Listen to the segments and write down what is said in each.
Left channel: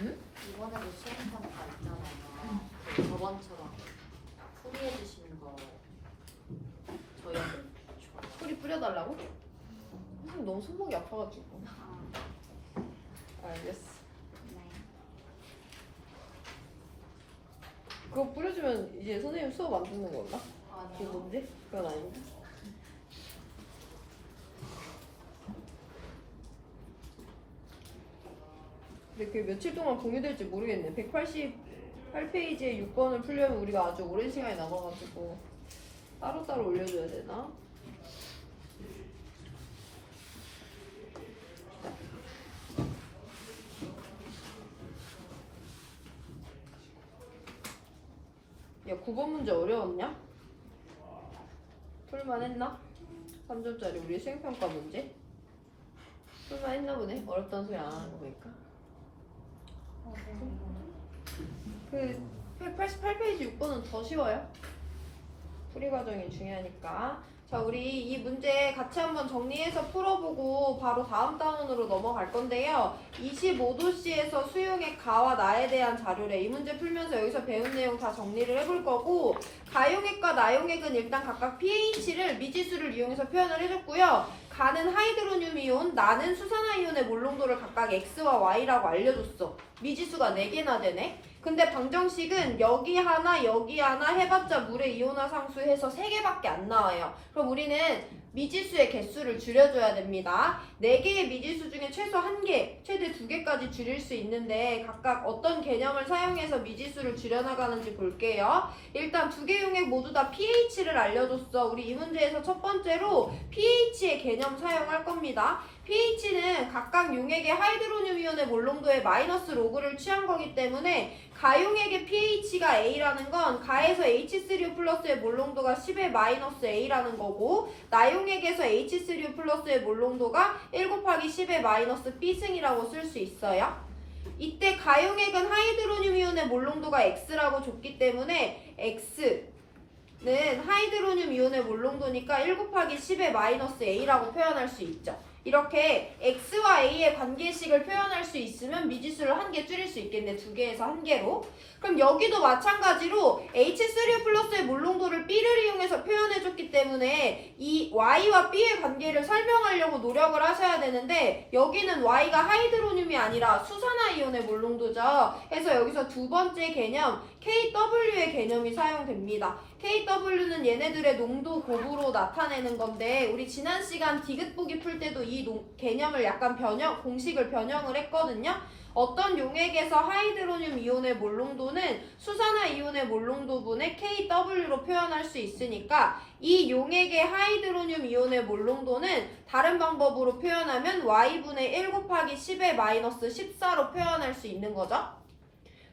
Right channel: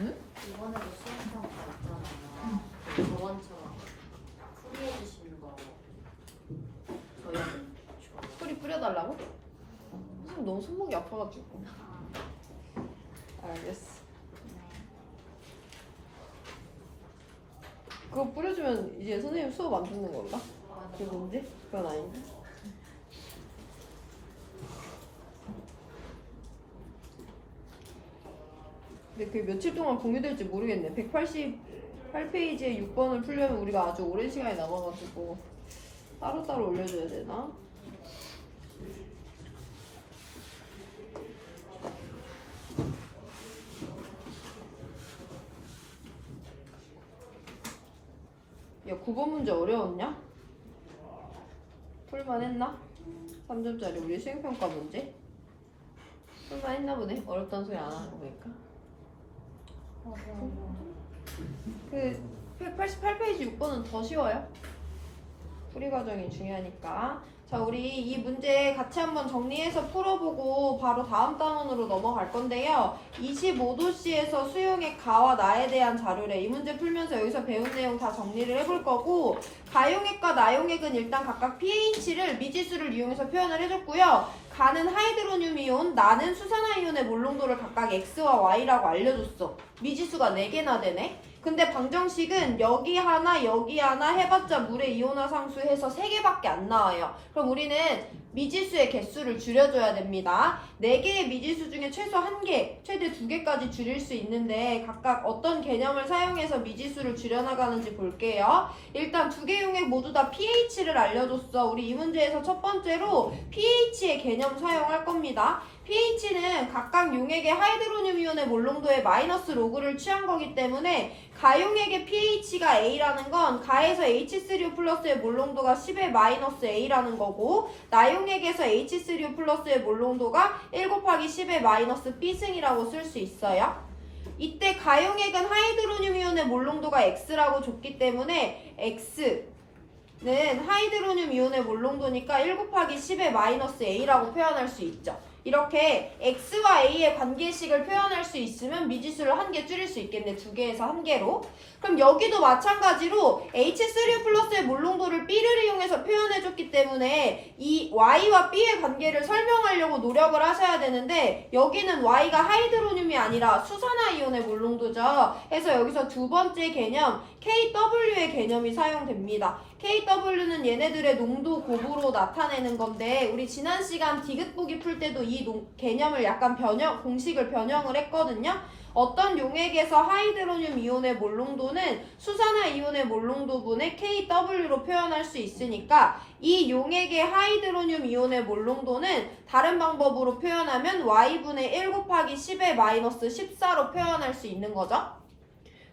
응? 이번에도 시험평가 있잖아요. 저번처럼 풀이해 주시는 거 저희는 풀이 뿌려달라고? 선생님 너무 손목이 아파가지고. 알겠어. 그거 뿌려주면 이제 선생님 수업 안 듣는 건가? 그게 뭔데? 그건 아닌데. 근데 그게 며칠 동안 공유될지 모르겠네. 188페이지에 6번을 풀려면 우리가 아주 오랜 시간이 남아가지고 따로따로 올려줘야 되나? 야, 국어 문제 어려웠냐? 풀만 했나? 3점짜리 우리 수행평가 문제? 풀만 했나 보네. 어렵다는 소리 안 하는 거 보니까. 그 188페이지 6번은 더 쉬워요. 풀이 과정이 중요하니까. 자, 우리 이 문제 같이 한번 정리해서 풀어보고 바로 다음 단원으로 넘어갈 건데요. 25도씨에서 수용의 가와 나에 대한 자료래. 이 문제 풀면서 여기서 배운 내용 다 정리를 해볼 거고, 가용액과 나용액은 일단 각각 pH를 미지수를 이용해서 표현을 해줬고요. 가는 하이드로늄 이온, 나는 수산화이온의 몰농도를 각각 X와 Y라고 알려줬어. 미지수가 4개나 되네. 근데 방정식은 여기 하나 해봤자 물의 이온화 상수 해서 3개밖에 안 나와요. 그럼 우리는 미지수의 개수를 줄여줘야 됩니다. 4개의 미지수 중에 최소 1개, 최대 2개까지 줄일 수 있는데 각각 어떤 개념을 사용해서 미지수를 줄여나가는지 볼게요. 일단 2개 용액 모두 다 pH를 알려줬어. 우리 이 문제에서 첫 번째로 pH의 개념 사용할 겁니다. pH는 각각 용액의 하이드로늄 이온의 몰농도의 마이너스 로그를 취한 거기 때문에 가용액의 pH가 A라는 건 가에서 H3O 플러스의 몰농도가 10의 마이너스 A라는 거고, 나용액에서 H3O 플러스의 몰농도가 1 곱하기 10의 마이너스 B승이라고 쓸 수 있어요. 이때 가용액은 하이드로늄 이온의 몰농도가 X라고 줬기 때문에 X는 하이드로늄 이온의 몰농도니까 1 곱하기 10의 마이너스 A라고 표현할 수 있죠. 이렇게 X와 A의 관계식을 표현할 수 있으면 미지수를 1개 줄일 수 있겠네. 2개에서 1개로. 그럼 여기도 마찬가지로 H3O 플러스의 몰농도를 B를 이용해서 표현해줬기 때문에 이 Y와 B의 관계를 설명하려고 노력을 하셔야 되는데, 여기는 Y가 하이드로늄이 아니라 수산화이온의 몰농도죠. 그래서 여기서 두 번째 개념 KW의 개념이 사용됩니다. KW는 얘네들의 농도 곱으로 나타내는 건데, 우리 지난 시간 디귿보기 풀 때도 이 개념을 약간 공식을 변형을 했거든요. 어떤 용액에서 하이드로늄 이온의 몰농도는 수산화 이온의 몰농도분의 KW로 표현할 수 있으니까 이 용액의 하이드로늄 이온의 몰농도는 다른 방법으로 표현하면 Y분의 1 곱하기 10의 마이너스 14로 표현할 수 있는 거죠.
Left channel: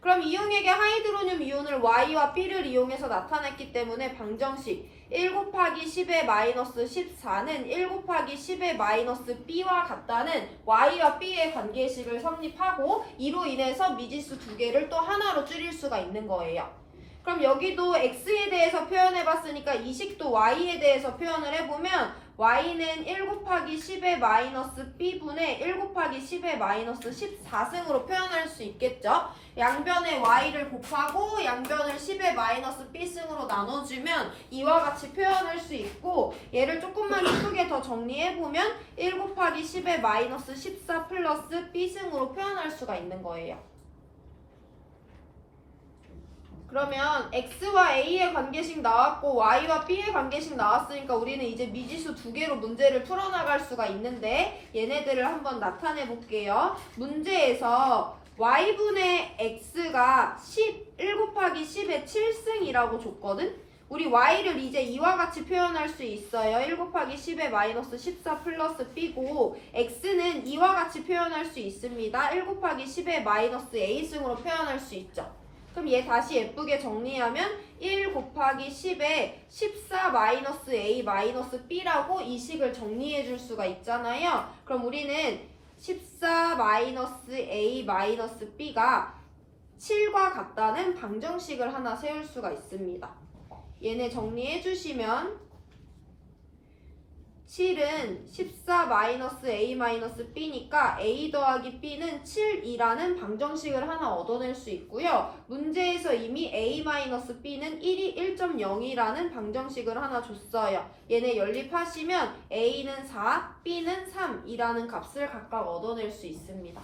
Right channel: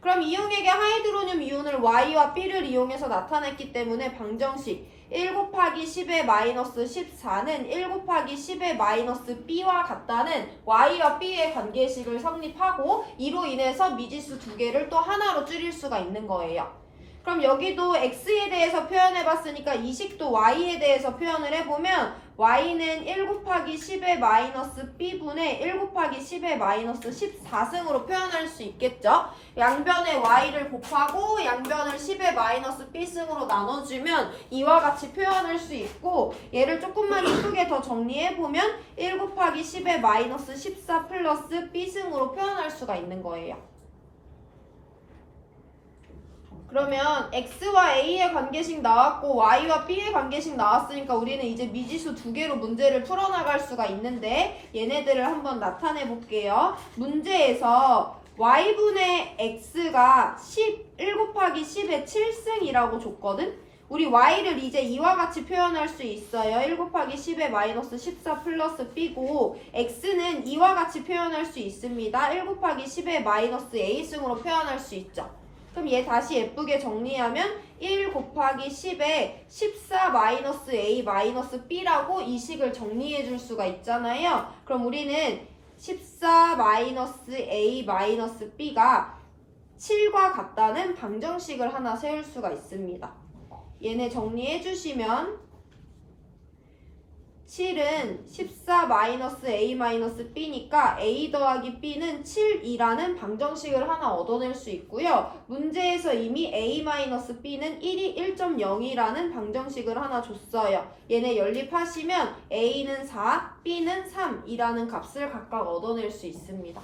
그럼 이 용액의 하이드로늄 이온을 Y와 B를 이용해서 나타냈기 때문에 방정식 1 곱하기 10의 마이너스 14는 1 곱하기 10의 마이너스 B와 같다는 Y와 B의 관계식을 성립하고, 이로 인해서 미지수 2개를 또 하나로 줄일 수가 있는 거예요. 그럼 여기도 X에 대해서 표현해봤으니까 이 식도 Y에 대해서 표현을 해보면 Y는 1 곱하기 10의 마이너스 B분의 1 곱하기 10의 마이너스 14승으로 표현할 수 있겠죠? 양변에 Y를 곱하고 양변을 10의 마이너스 B승으로 나눠주면 이와 같이 표현할 수 있고, 얘를 조금만 이쁘게 더 정리해보면 1 곱하기 10의 마이너스 14 플러스 B승으로 표현할 수가 있는 거예요. 그러면 X와 A의 관계식 나왔고 Y와 B의 관계식 나왔으니까 우리는 이제 미지수 2개로 문제를 풀어나갈 수가 있는데, 얘네들을 한번 나타내 볼게요. 문제에서 Y분의 X가 1 곱하기 10의 7승이라고 줬거든? 우리 Y를 이제 이와 같이 표현할 수 있어요. 1 곱하기 10의 마이너스 14 플러스 B고, X는 이와 같이 표현할 수 있습니다. 1 곱하기 10의 마이너스 A승으로 표현할 수 있죠. 그럼 얘 다시 예쁘게 정리하면 1 곱하기 10에 14 마이너스 A 마이너스 B라고 이 식을 정리해 줄 수가 있잖아요. 그럼 우리는 14 마이너스 A 마이너스 B가 7과 같다는 방정식을 하나 세울 수가 있습니다. 얘네 정리해 주시면 7은 14-a-b니까 a 더하기 b는 7이라는 방정식을 하나 얻어낼 수 있고요. 문제에서 이미 a-b는 1이 1.0이라는 방정식을 하나 줬어요. 얘네 연립하시면 a는 4, b는 3이라는 값을 각각 얻어낼 수 있습니다.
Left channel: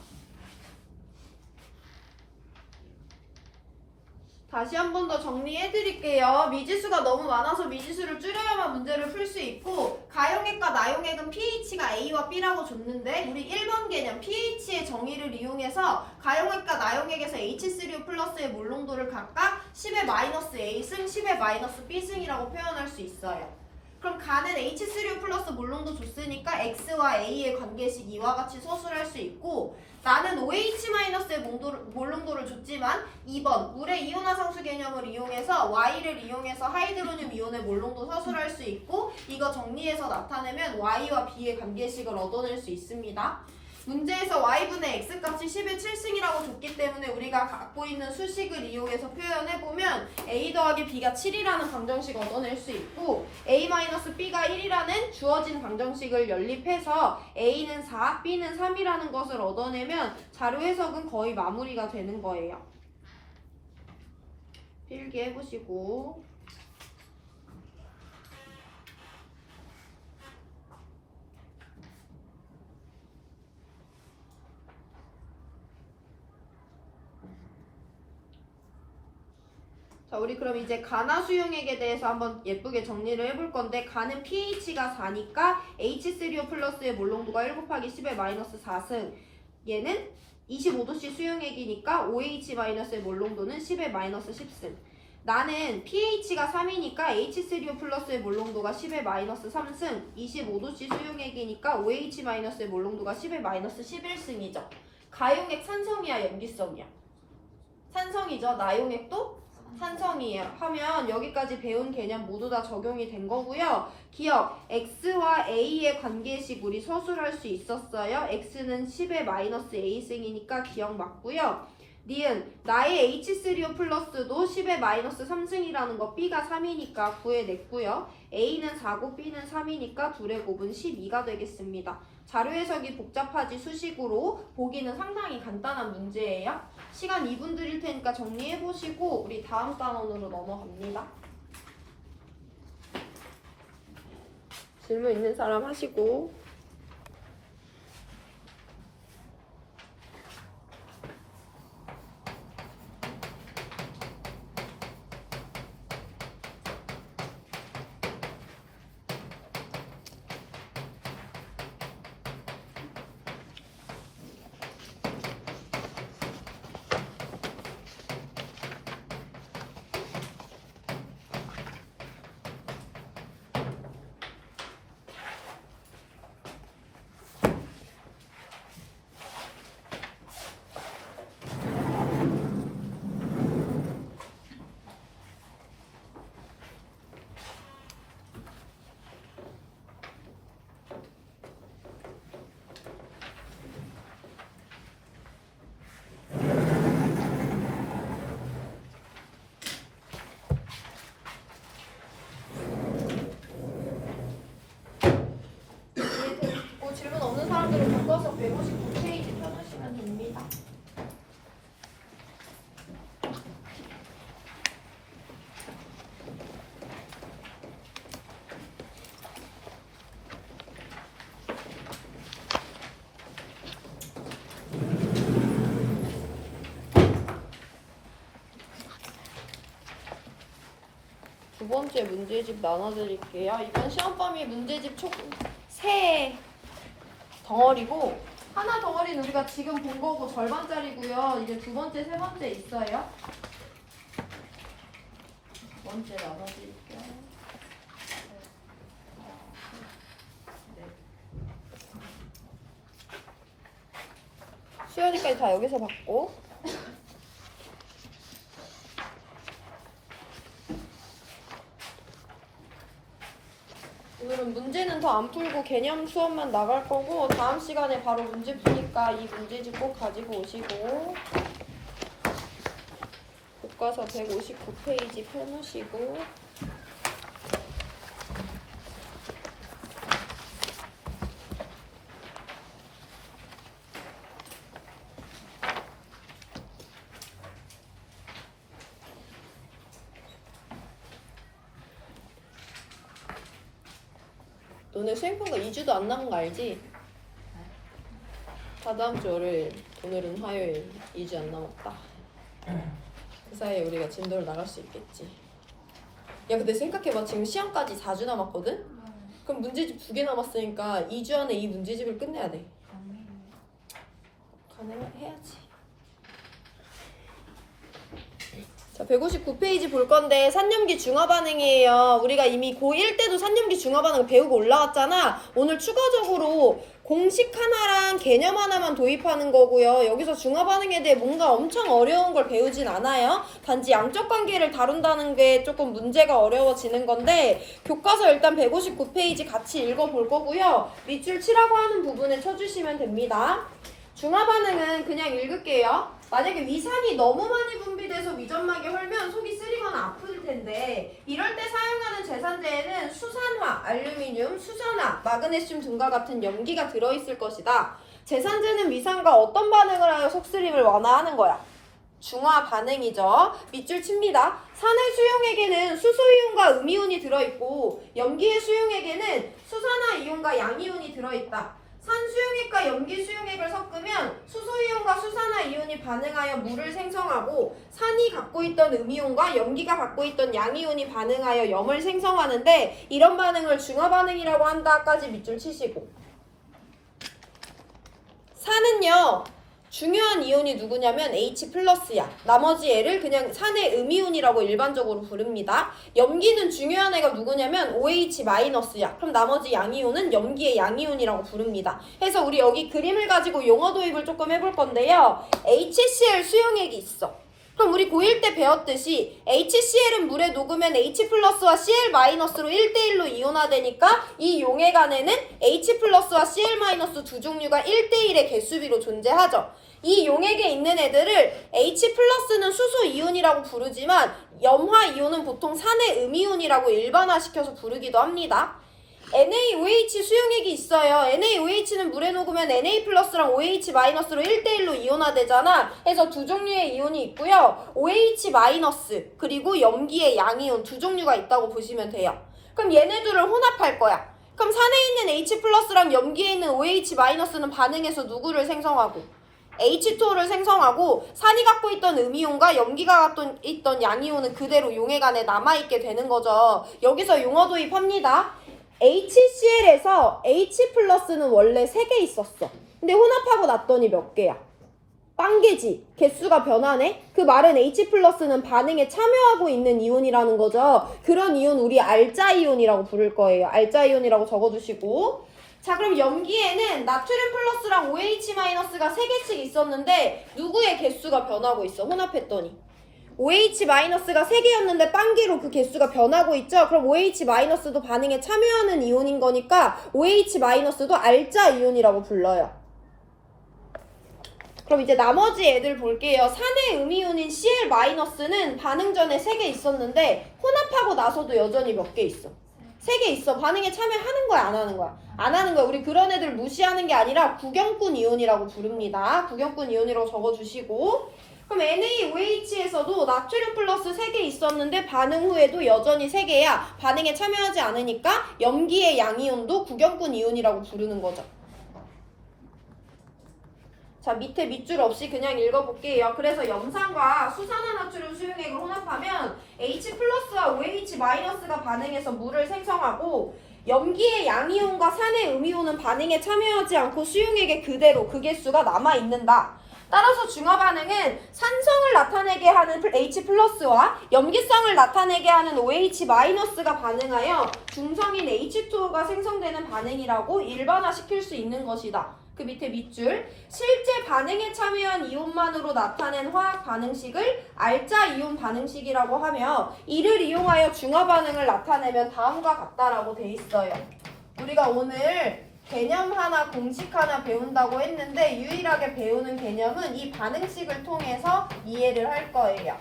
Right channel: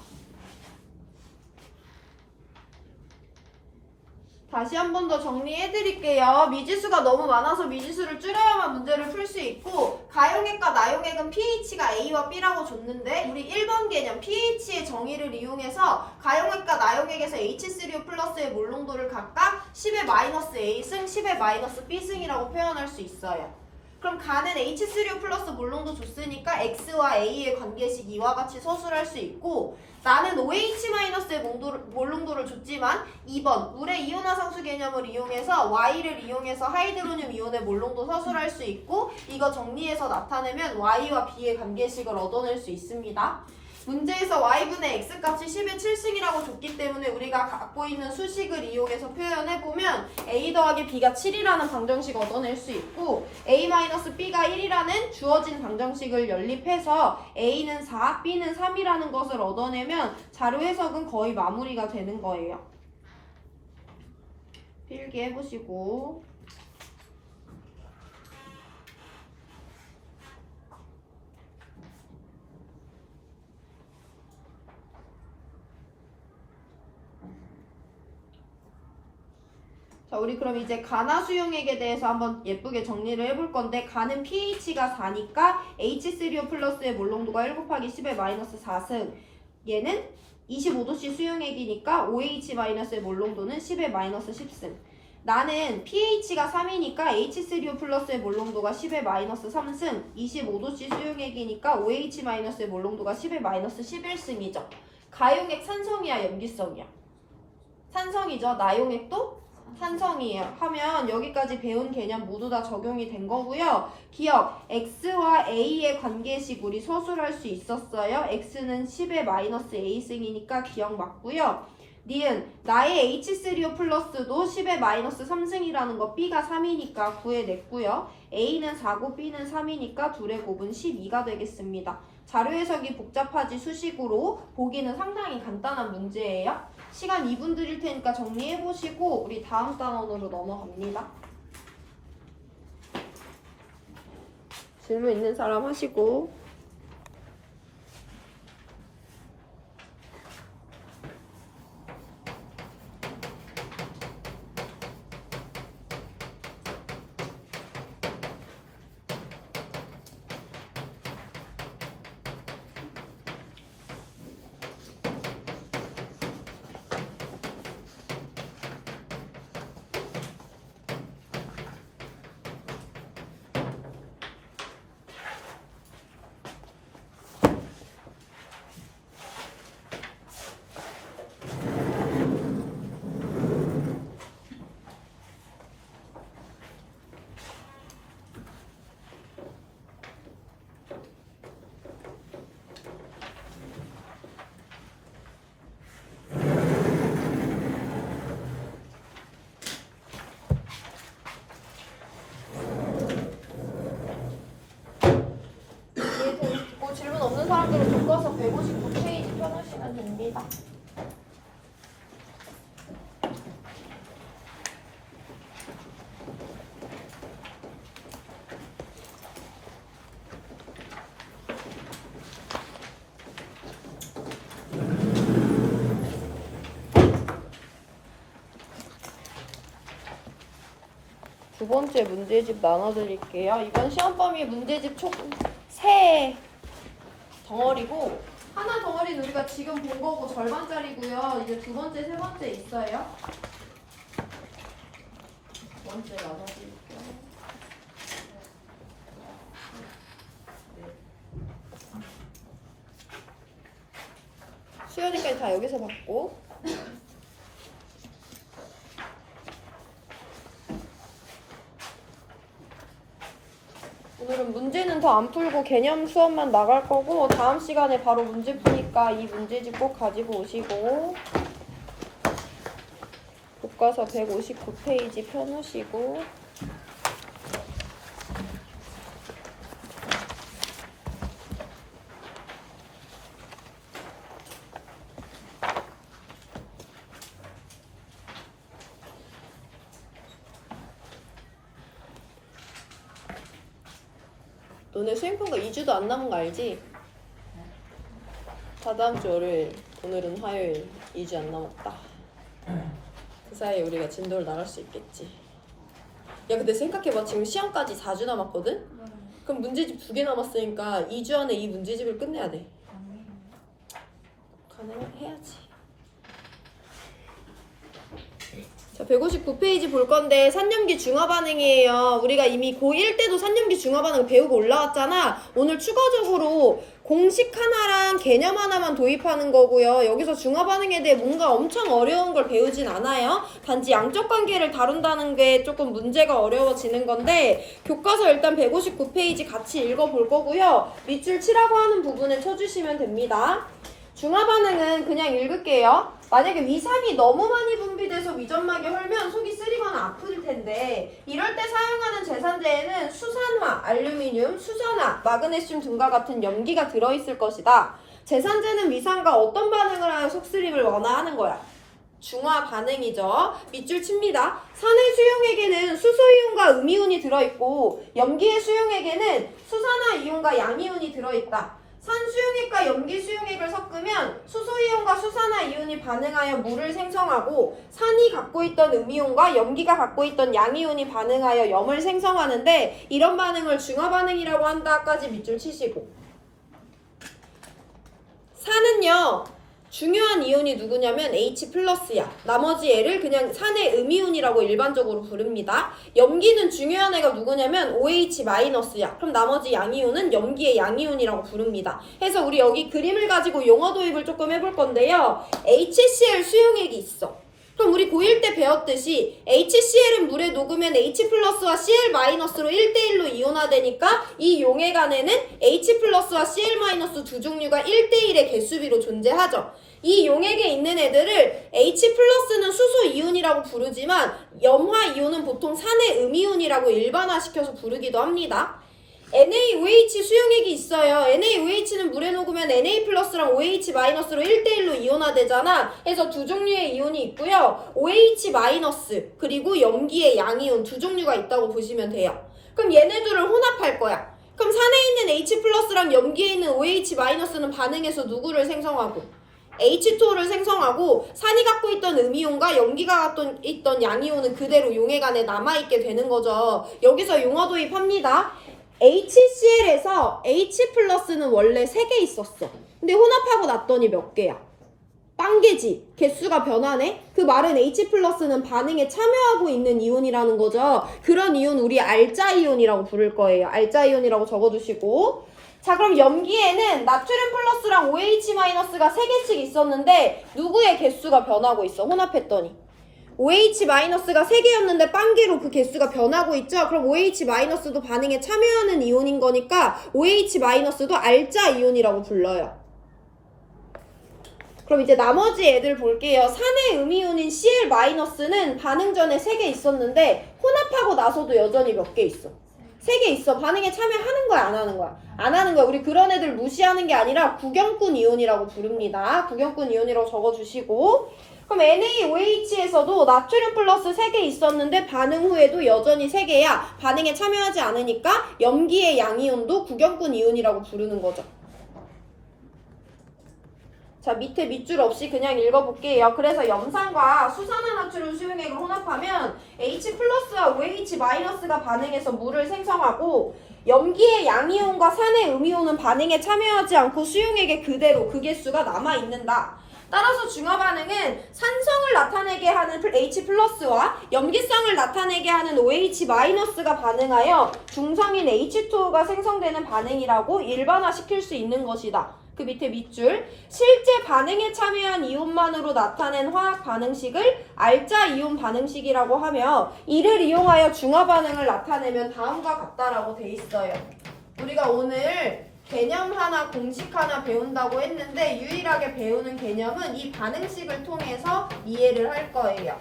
다시 한 번 더 정리해드릴게요. 미지수가 너무 많아서 미지수를 줄여야만 문제를 풀 수 있고, 가용액과 나용액은 pH가 A와 B라고 줬는데 우리 1번 개념 pH의 정의를 이용해서 가용액과 나용액에서 H3O 플러스의 몰농도를 각각 10의 마이너스 A승, 10의 마이너스 B승이라고 표현할 수 있어요. 그럼 가는 H3O 플러스 몰농도 줬으니까 X와 A의 관계식 이와 같이 서술할 수 있고, 나는 OH-의 몰농도를 줬지만 2번 물의 이온화상수 개념을 이용해서 Y를 이용해서 하이드로늄 이온의 몰농도 서술할 수 있고, 이거 정리해서 나타내면 Y와 B의 관계식을 얻어낼 수 있습니다. 문제에서 Y분의 X값이 10의 7승이라고 줬기 때문에 우리가 갖고 있는 수식을 이용해서 표현해보면 A 더하기 B가 7이라는 방정식 얻어낼 수 있고, A-B가 1이라는 주어진 방정식을 연립해서 A는 4, B는 3이라는 것을 얻어내면 자료 해석은 거의 마무리가 되는 거예요. 필기 해보시고. 자, 우리 그럼 이제 가나수용액에 대해서 한번 예쁘게 정리를 해볼 건데, 가는 pH가 4니까 H3O 플러스의 몰농도가 1 곱하기 10의 마이너스 4승, 얘는 25도씨 수용액이니까 OH-의 몰농도는 10의 마이너스 10승. 나는 pH가 3이니까 H3O 플러스의 몰농도가 10의 마이너스 3승, 25도씨 수용액이니까 OH-의 몰농도가 10의 마이너스 11승이죠. 가용액 산성이야, 염기성이야? 산성이죠. 나용액도 산성이에요. 하면 여기까지 배운 개념 모두 다 적용이 된 거고요. 기억, X와 A의 관계식 우리 서술할 수 있었어요. X는 10의 마이너스 A승이니까 기억 맞고요. 니은, 나의 H3O 플러스도 10의 마이너스 3승이라는 거 B가 3이니까 구해냈고요. A는 4고 B는 3이니까 둘의 곱은 12가 되겠습니다. 자료 해석이 복잡하지 수식으로 보기는 상당히 간단한 문제예요. 시간 2분 드릴 테니까 정리해보시고 우리 다음 단원으로 넘어갑니다. 질문 있는 사람 하시고. 질문 없는 사람들은 바꿔서 159페이지 펴놓으시면 됩니다. 두 번째 문제집 나눠드릴게요. 이번 시험 범위 문제집 총 3 덩어리고, 하나 덩어리는 우리가 지금 본 거고 절반짜리고요. 이제 두 번째, 세 번째 있어요. 두 번째 나눠드릴게요. 수연이까지 다 여기서 받고. 오늘은 문제는 더 안 풀고 개념 수업만 나갈 거고, 다음 시간에 바로 문제 푸니까 이 문제집 꼭 가지고 오시고, 교과서 159페이지 펴놓으시고, 너네 수행평가 2주도 안 남은 거 알지? 다 다음 주 월요일, 오늘은 화요일 2주 안 남았다. 그 사이에 우리가 진도를 나갈 수 있겠지. 야 근데 생각해봐. 지금 시험까지 4주 남았거든? 그럼 문제집 2개 남았으니까 2주 안에 이 문제집을 끝내야 돼. 가능해야지. 자, 159페이지 볼 건데 산염기 중화 반응이에요. 우리가 이미 고1 때도 산염기 중화 반응 배우고 올라왔잖아. 오늘 추가적으로 공식 하나랑 개념 하나만 도입하는 거고요. 여기서 중화 반응에 대해 뭔가 엄청 어려운 걸 배우진 않아요. 단지 양적 관계를 다룬다는 게 조금 문제가 어려워지는 건데 교과서 일단 159페이지 같이 읽어볼 거고요. 밑줄 치라고 하는 부분에 쳐주시면 됩니다. 중화 반응은 그냥 읽을게요. 만약에 위산이 너무 많이 분비돼서 위점막이 헐면 속이 쓰리거나 아플 텐데 이럴 때 사용하는 제산제에는 수산화, 알루미늄, 수산화, 마그네슘 등과 같은 염기가 들어있을 것이다. 제산제는 위산과 어떤 반응을 하여 속쓰림을 완화하는 거야? 중화 반응이죠. 밑줄 칩니다. 산의 수용액에는 수소이온과 음이온이 들어있고 염기의 수용액에는 수산화 이온과 양이온이 들어있다. 산 수용액과 염기 수용액을 섞으면 수소이온과 수산화 이온이 반응하여 물을 생성하고 산이 갖고 있던 음이온과 염기가 갖고 있던 양이온이 반응하여 염을 생성하는데 이런 반응을 중화 반응이라고 한다까지 밑줄 치시고 산은요 중요한 이온이 누구냐면 H+야. 나머지 애를 그냥 산의 음이온이라고 일반적으로 부릅니다. 염기는 중요한 애가 누구냐면 OH-야. 그럼 나머지 양이온은 염기의 양이온이라고 부릅니다. 해서 우리 여기 그림을 가지고 용어 도입을 조금 해볼 건데요. HCl 수용액이 있어. 그럼 우리 고1 때 배웠듯이 HCl은 물에 녹으면 H+와 Cl-로 1대1로 이온화되니까 이 용액 안에는 H+와 Cl- 두 종류가 1대1의 개수비로 존재하죠. 이 용액에 있는 애들을 H+는 수소 이온이라고 부르지만 염화 이온은 보통 산의 음이온이라고 일반화시켜서 부르기도 합니다. NaOH 수용액이 있어요. NaOH는 물에 녹으면 Na+랑 OH-로 1대1로 이온화되잖아. 해서 두 종류의 이온이 있고요. OH- 그리고 염기의 양이온 두 종류가 있다고 보시면 돼요. 그럼 얘네들을 혼합할 거야. 그럼 산에 있는 H+랑 염기에 있는 OH-는 반응해서 누구를 생성하고 H2O를 생성하고 산이 갖고 있던 음이온과 염기가 갖고 있던 양이온은 그대로 용액 안에 남아있게 되는 거죠. 여기서 용어 도입합니다. HCl에서 H+는 원래 3개 있었어. 근데 혼합하고 났더니 몇 개야? 빵개지. 개수가 변하네? 그 말은 H+는 반응에 참여하고 있는 이온이라는 거죠. 그런 이온 우리 알자이온이라고 부를 거예요. 알자이온이라고 적어두시고. 자, 그럼 염기에는 나트륨 플러스랑 OH-가 3개씩 있었는데 누구의 개수가 변하고 있어? 혼합했더니. OH-가 3개였는데 빵개로 그 개수가 변하고 있죠? 그럼 OH-도 반응에 참여하는 이온인 거니까 OH-도 알자 이온이라고 불러요. 그럼 이제 나머지 애들 볼게요. 산의 음이온인 Cl-는 반응 전에 3개 있었는데 혼합하고 나서도 여전히 몇 개 있어? 3개 있어. 반응에 참여하는 거야? 안 하는 거야? 안 하는 거야. 우리 그런 애들 무시하는 게 아니라 구경꾼 이온이라고 부릅니다. 구경꾼 이온이라고 적어주시고 그럼 NaOH에서도 나트륨 플러스 3개 있었는데 반응 후에도 여전히 3개야. 반응에 참여하지 않으니까 염기의 양이온도 구경꾼 이온이라고 부르는 거죠. 자, 밑에 밑줄 없이 그냥 읽어볼게요. 그래서 염산과 수산화 나트륨 수용액을 혼합하면 H+와 OH-가 반응해서 물을 생성하고 염기의 양이온과 산의 음이온은 반응에 참여하지 않고 수용액에 그대로 그 개수가 남아있는다. 따라서 중화 반응은 산성을 나타내게 하는 H+와 염기성을 나타내게 하는 OH-가 반응하여 중성인 H2O가 생성되는 반응이라고 일반화시킬 수 있는 것이다. 그 밑에 밑줄 실제 반응에 참여한 이온만으로 나타낸 화학 반응식을 알자 이온 반응식이라고 하며 이를 이용하여 중화 반응을 나타내면 다음과 같다라고 돼 있어요. 우리가 오늘 개념 하나 공식 하나 배운다고 했는데 유일하게 배우는 개념은 이 반응식을 통해서 이해를 할 거예요.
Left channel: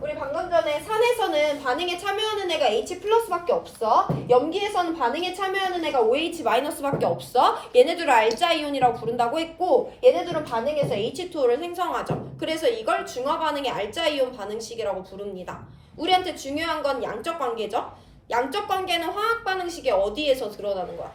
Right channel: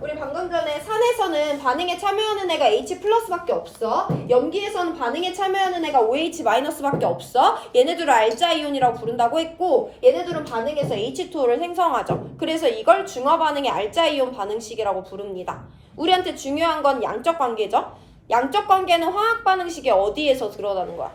우리 방금 전에 산에서는 반응에 참여하는 애가 H+밖에 없어. 염기에서는 반응에 참여하는 애가 OH-밖에 없어. 얘네들을 알자이온이라고 부른다고 했고 얘네들은 반응해서 H2O를 생성하죠. 그래서 이걸 중화 반응의 알자이온 반응식이라고 부릅니다. 우리한테 중요한 건 양적 관계죠. 양적 관계는 화학 반응식의 어디에서 드러나는 거야?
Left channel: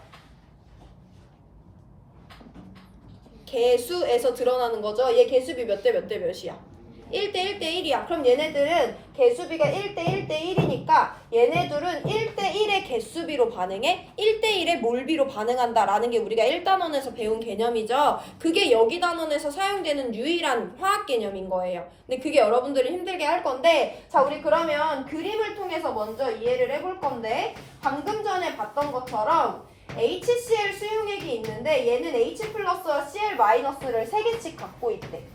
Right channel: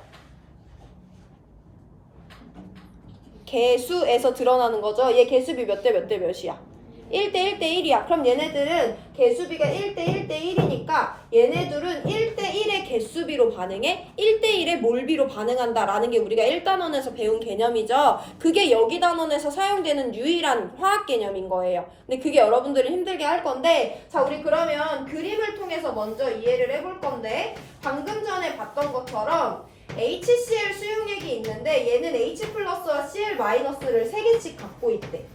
개수에서 드러나는 거죠. 얘 개수비 몇 대 몇 대 몇이야? 1대 1대 1이야. 그럼 얘네들은 개수비가 1대 1대 1이니까 얘네들은 1대 1의 개수비로 반응해 1대 1의 몰비로 반응한다라는 게 우리가 1단원에서 배운 개념이죠. 그게 여기 단원에서 사용되는 유일한 화학 개념인 거예요. 근데 그게 여러분들이 힘들게 할 건데, 자, 우리 그러면 그림을 통해서 먼저 이해를 해볼 건데, 방금 전에 봤던 것처럼 HCl 수용액이 있는데 얘는 H 플러스와 Cl 마이너스를 3개씩 갖고 있대.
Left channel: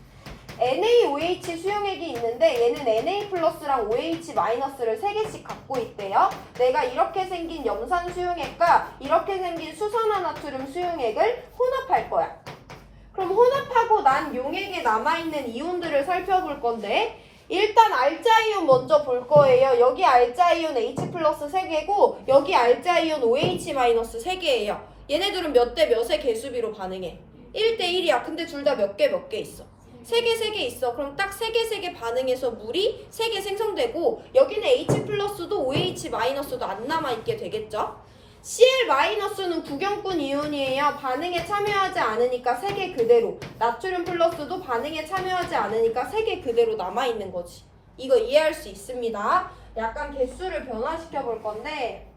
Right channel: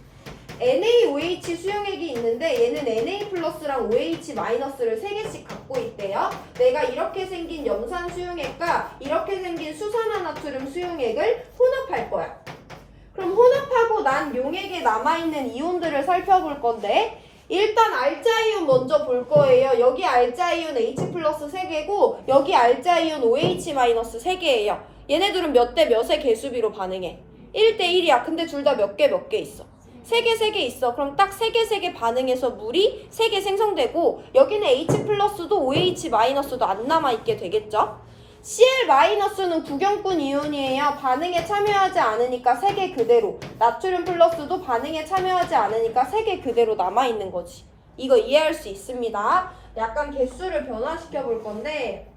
NaOH 수용액이 있는데 얘는 Na 플러스랑 OH 마이너스를 3개씩 갖고 있대요. 내가 이렇게 생긴 염산 수용액과 이렇게 생긴 수산화나트륨 수용액을 혼합할 거야. 그럼 혼합하고 난 용액에 남아있는 이온들을 살펴볼 건데, 일단 알자이온 먼저 볼 거예요. 여기 알자이온 H 플러스 3개고 여기 알자이온 OH 마이너스 3개예요. 얘네들은 몇 대 몇의 개수비로 반응해? 1대 1이야. 근데 둘 다 몇 개 있어? 3개 있어. 그럼 딱 3개 반응해서 물이 3개 생성되고 여기는 H 플러스도 OH 마이너스도 안 남아있게 되겠죠? Cl 마이너스는 구경꾼 이온이에요. 반응에 참여하지 않으니까 3개 그대로. 나트륨 플러스도 반응에 참여하지 않으니까 3개 그대로 남아있는 거지. 이거 이해할 수 있습니다. 약간 개수를 변화시켜 볼 건데,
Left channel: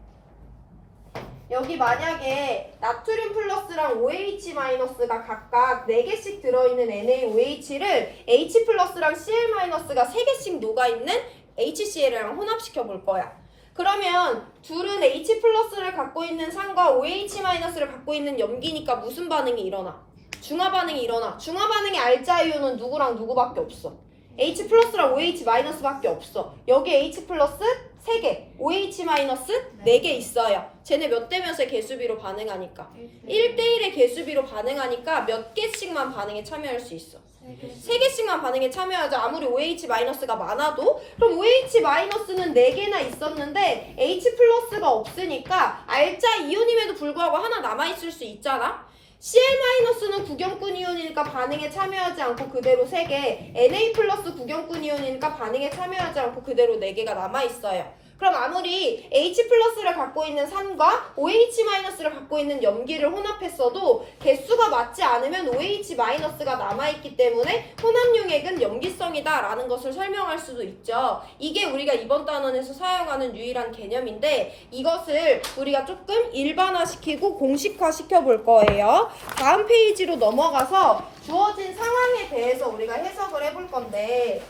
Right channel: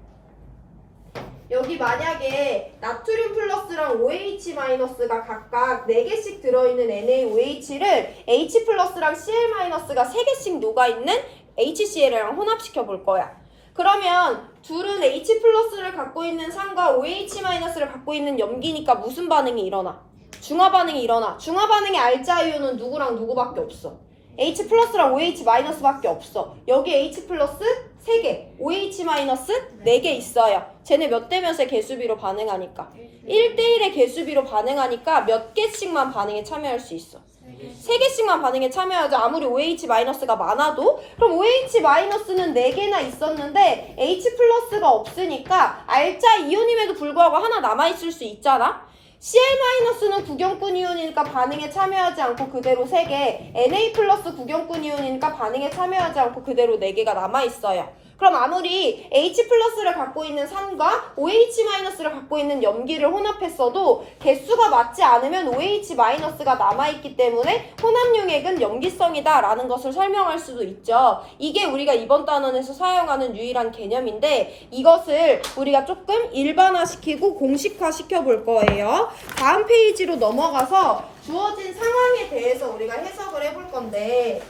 여기 만약에 나트륨 플러스랑 OH 마이너스가 각각 4개씩 들어있는 NaOH를 H 플러스랑 Cl 마이너스가 3개씩 녹아있는 HCl이랑 혼합시켜 볼 거야. 그러면 둘은 H 플러스를 갖고 있는 산과 OH 마이너스를 갖고 있는 염기니까 무슨 반응이 일어나? 중화 반응이 일어나. 중화 반응의 알자이온은 누구랑 누구밖에 없어? H 플러스랑 OH 마이너스밖에 없어. 여기 H 플러스 3개, OH 마이너스 4개 있어요. 쟤네 몇 대 몇의 개수비로 반응하니까? 1대 1의 개수비로 반응하니까 몇 개씩만 반응에 참여할 수 있어. 3개씩만 반응에 참여하죠. 아무리 OH 마이너스가 많아도. 그럼 OH 마이너스는 4개나 있었는데 H 플러스가 없으니까 알자 이온임에도 불구하고 하나 남아있을 수 있잖아. Cl 마이너스는 구경꾼 이온이니까 반응에 참여하지 않고 그대로 3개, Na 플러스 구경꾼 이온이니까 반응에 참여하지 않고 그대로 4개가 남아있어요. 그럼 아무리 H 플러스를 갖고 있는 산과 OH 마이너스를 갖고 있는 염기를 혼합했어도 개수가 맞지 않으면 OH 마이너스가 남아있기 때문에 혼합용액은 염기성이다 라는 것을 설명할 수도 있죠. 이게 우리가 이번 단원에서 사용하는 유일한 개념인데, 이것을 우리가 조금 일반화시키고 공식화 시켜볼 거예요. 다음 페이지로 넘어가서 주어진 상황에 대해서 우리가 해석을 해볼 건데,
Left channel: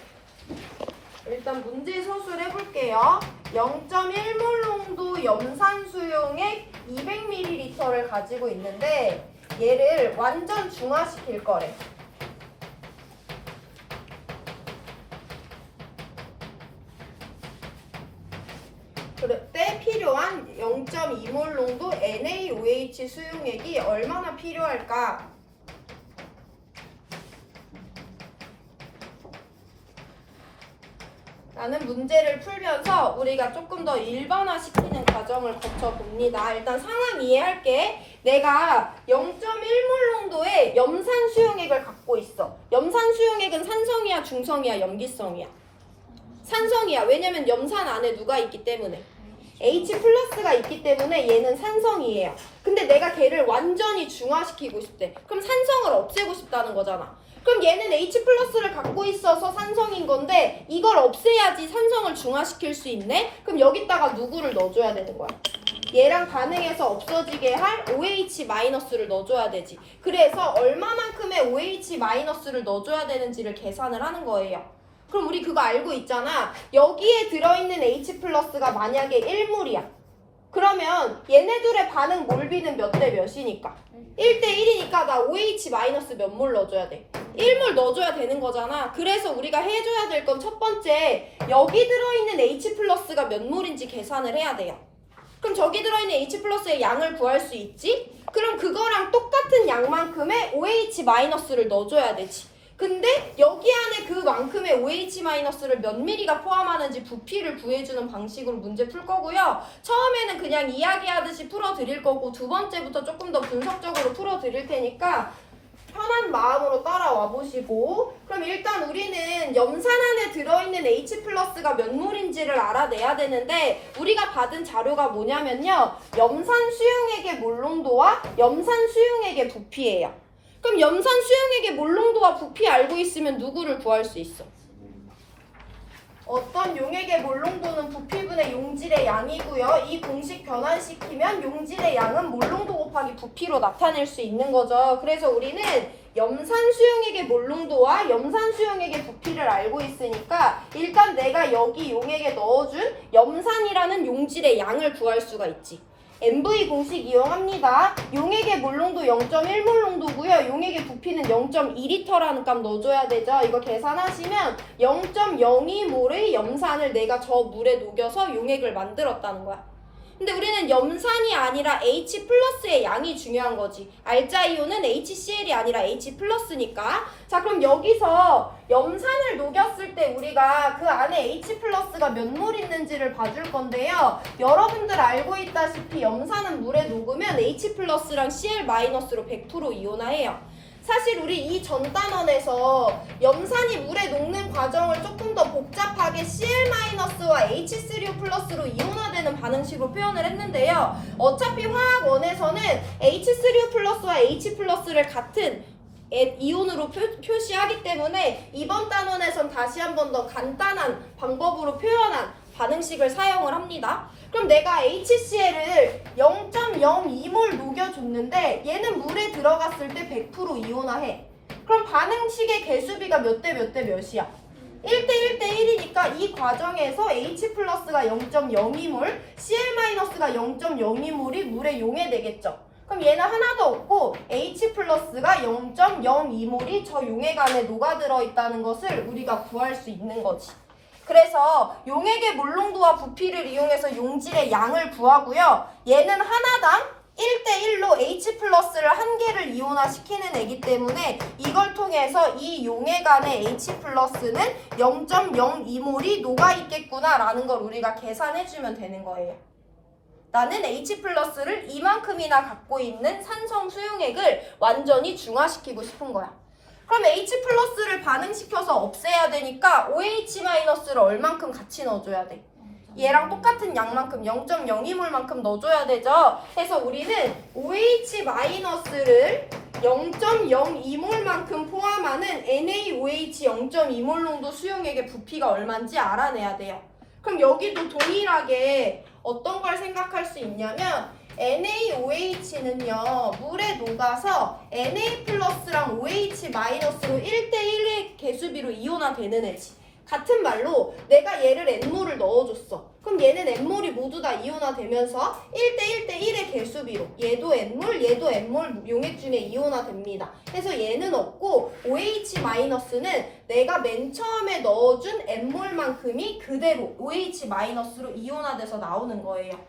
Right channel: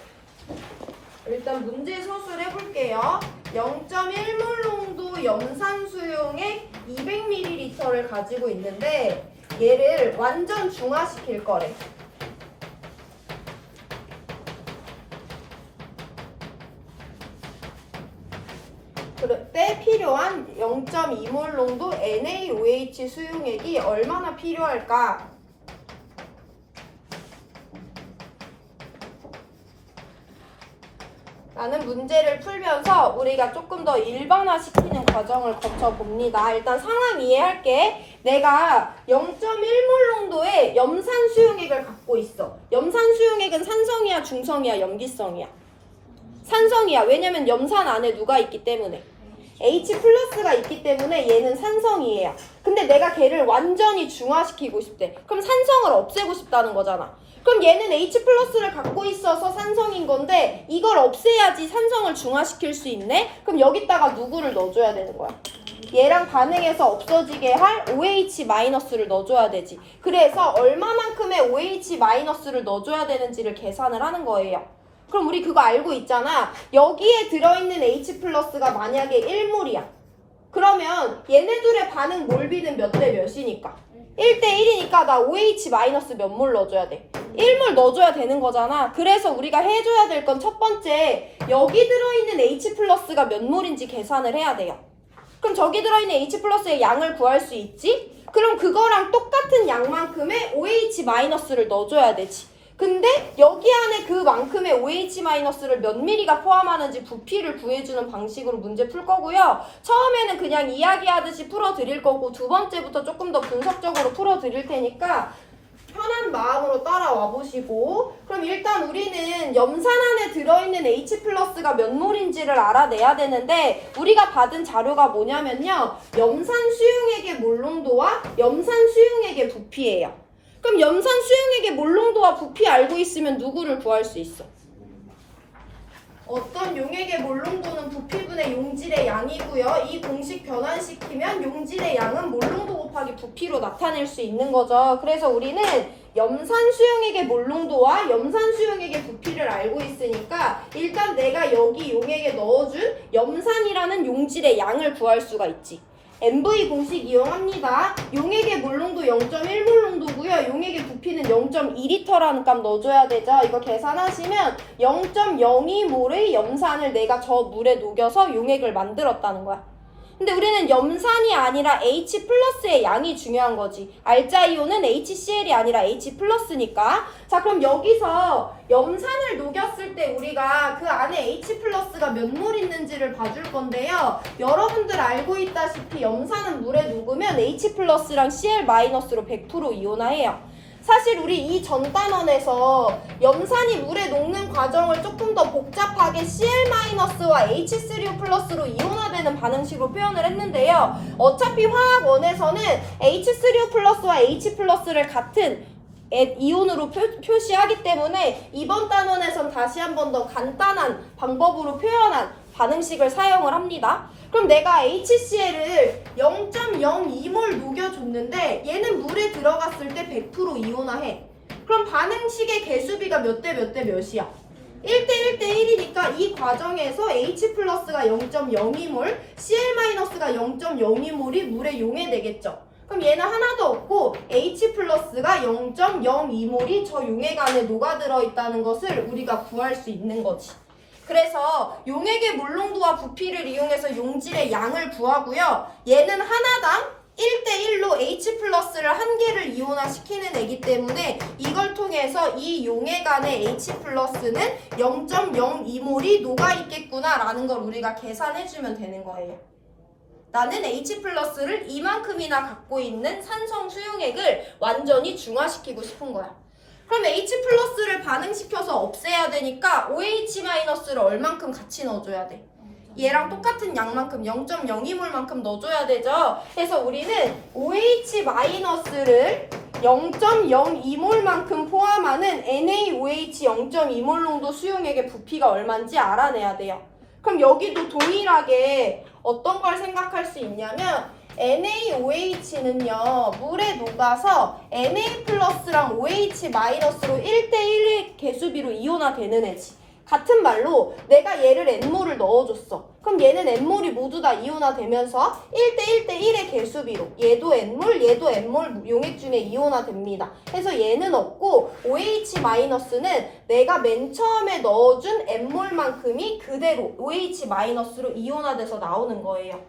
일단 문제 서술 해볼게요. 0.1몰 농도 염산 수용액 200ml를 가지고 있는데 얘를 완전 중화시킬 거래. 그럴 때 필요한 0.2몰 농도 NaOH 수용액이 얼마나 필요할까? 라는 문제를 풀면서 우리가 조금 더 일반화시키는 과정을 거쳐봅니다. 일단 상황 이해할게. 내가 0.1몰 농도의 염산 수용액을 갖고 있어. 염산 수용액은 산성이야, 중성이야, 염기성이야? 산성이야. 왜냐면 염산 안에 누가 있기 때문에? H 플러스가 있기 때문에 얘는 산성이에요. 근데 내가 걔를 완전히 중화시키고 싶대. 그럼 산성을 없애고 싶다는 거잖아. 그럼 얘는 H 플러스를 갖고 있어서 산성인 건데 이걸 없애야지 산성을 중화시킬 수 있네? 그럼 여기다가 누구를 넣어줘야 되는 거야? 얘랑 반응해서 없어지게 할 OH 마이너스를 넣어줘야 되지. 그래서 얼마만큼의 OH 마이너스를 넣어줘야 되는지를 계산을 하는 거예요. 그럼 우리 그거 알고 있잖아. 여기에 들어있는 H 플러스가 만약에 1몰이야. 그러면 얘네들의 반응 몰비는 몇 대 몇이니까? 1대 1이니까 나 OH 마이너스 몇 몰 넣어줘야 돼? 1몰 넣어줘야 되는 거잖아. 그래서 우리가 해줘야 될 건 첫 번째, 여기 들어있는 H 플러스가 몇 몰인지 계산을 해야 돼요. 그럼 저기 들어있는 H 플러스의 양을 구할 수 있지? 그럼 그거랑 똑같은 양만큼의 OH 마이너스를 넣어줘야 되지. 근데 여기 안에 그만큼의 OH 마이너스를 몇 미리가 포함하는지 부피를 구해주는 방식으로 문제 풀 거고요. 처음에는 그냥 이야기하듯이 풀어드릴 거고 두 번째부터 조금 더 분석적으로 풀어드릴 테니까 편한 마음으로 따라와 보시고, 그럼 일단 우리는 염산 안에 들어있는 H+가 몇 몰인지를 알아내야 되는데, 우리가 받은 자료가 뭐냐면요, 염산 수용액의 몰농도와 염산 수용액의 부피예요. 그럼 염산 수용액의 몰농도와 부피 알고 있으면 누구를 구할 수 있어? 어떤 용액의 몰농도는 부피분의 용질의 양이고요. 이 공식 변환시키면 용질의 양은 몰농도 곱하기 부피로 나타낼 수 있는 거죠. 그래서 우리는 염산 수용액의 몰농도와 염산 수용액의 부피를 알고 있으니까 일단 내가 여기 용액에 넣어준 염산이라는 용질의 양을 구할 수가 있지. MV 공식 이용합니다. 용액의 몰농도 0.1몰농도고요. 용액의 부피는 0.2L라는 값 넣어줘야 되죠. 이거 계산하시면 0.02몰의 염산을 내가 저 물에 녹여서 용액을 만들었다는 거야. 근데 우리는 염산이 아니라 H+의 양이 중요한 거지. 알자이온은 HCl이 아니라 H+니까. 자, 그럼 여기서 염산을 녹였을 때 우리가 그 안에 H+가 몇 몰 있는지를 봐줄 건데요. 여러분들 알고 있다시피 염산은 물에 녹으면 H+랑 Cl-로 100% 이온화해요. 사실 우리 이 전 단원에서 염산이 물에 녹는 과정을 조금 더 복잡하게 Cl-와 H3O+로 이온화되는 반응식으로 표현을 했는데요. 어차피 화학원에서는 H3O+와 H+를 같은 이온으로 표시하기 때문에 이번 단원에선 다시 한 번 더 간단한 방법으로 표현한 반응식을 사용을 합니다. 그럼 내가 HCl을 0.02몰 녹여줬는데 얘는 물에 들어갔을 때 100% 이온화해. 그럼 반응식의 개수비가 몇 대 몇 대 몇이야? 1대 1대 1이니까 이 과정에서 H+가 0.02몰, Cl-가 0.02몰이 물에 용해되겠죠. 그럼 얘는 하나도 없고 H+가 0.02몰이 저 용액 안에 녹아들어 있다는 것을 우리가 구할 수 있는 거지. 그래서 용액의 몰농도와 부피를 이용해서 용질의 양을 구하고요. 얘는 하나당 1대1로 H+를 한 개를 이온화시키는 애기 때문에 이걸 통해서 이 용액 안에 H+는 0.02몰이 녹아있겠구나라는 걸 우리가 계산해주면 되는 거예요. 나는 H+를 이만큼이나 갖고 있는 산성 수용액을 완전히 중화시키고 싶은 거야. 그럼 H+를 반응시켜서 없애야 되니까 OH-를 얼만큼 같이 넣어줘야 돼? 얘랑 똑같은 양만큼 0.02몰만큼 넣어줘야 되죠. 그래서 우리는 OH-를 0.02몰만큼 포함하는 NaOH 0.2몰 농도 수용액의 부피가 얼마인지 알아내야 돼요. 그럼 여기도 동일하게 어떤 걸 생각할 수 있냐면 NaOH는요 물에 녹아서 Na+랑 OH- 로 1대1의 개수비로 이온화되는 애지. 같은 말로 내가 얘를 N몰을 넣어줬어. 그럼 얘는 N몰이 모두 다 이온화되면서 1대1대1의 개수비로 얘도 N몰, 얘도 N몰 용액 중에 이온화됩니다. 그래서 얘는 없고 OH-는 내가 맨 처음에 넣어준 N몰만큼이 그대로 OH-로 이온화돼서 나오는 거예요.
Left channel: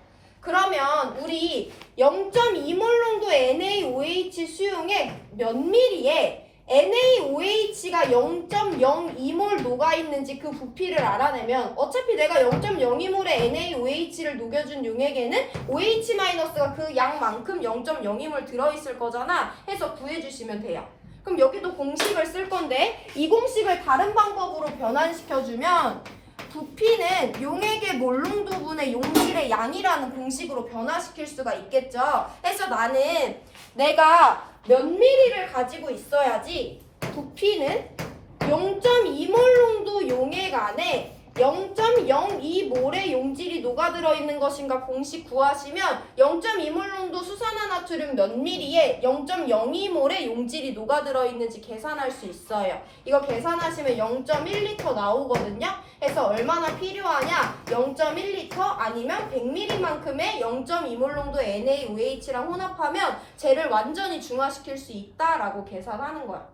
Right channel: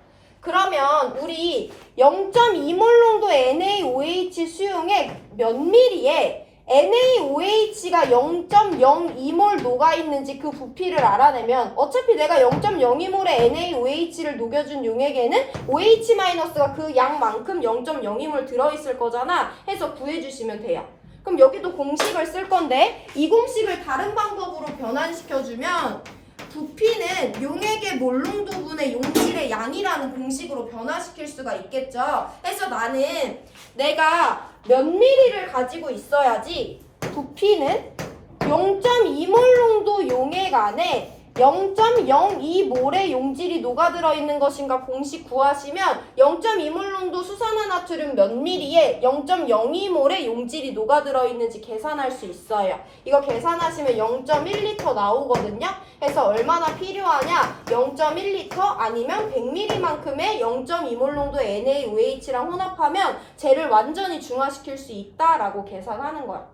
그러면 우리 0.2몰 농도의 NaOH 수용액 몇 밀리에 NaOH가 0.02몰 녹아있는지 그 부피를 알아내면 어차피 내가 0.02몰의 NaOH를 녹여준 용액에는 OH-가 그 양만큼 0.02몰 들어있을 거잖아. 해서 구해주시면 돼요. 그럼 여기도 공식을 쓸 건데 이 공식을 다른 방법으로 변환시켜주면 부피는 용액의 몰농도분의 용질의 양이라는 공식으로 변화시킬 수가 있겠죠. 그래서 나는 내가 몇 미리를 가지고 있어야지 부피는 0.2몰 농도 용액 안에 0.02몰의 용질이 녹아들어 있는 것인가 공식 구하시면 0.2몰 농도 수산화나트륨 몇 밀리에 0.02몰의 용질이 녹아들어 있는지 계산할 수 있어요. 이거 계산하시면 0.1L 나오거든요. 그래서 얼마나 필요하냐? 0.1L 아니면 100ml만큼의 0.2몰 농도의 NaOH랑 혼합하면 쟤를 완전히 중화시킬 수 있다라고 계산하는 거야.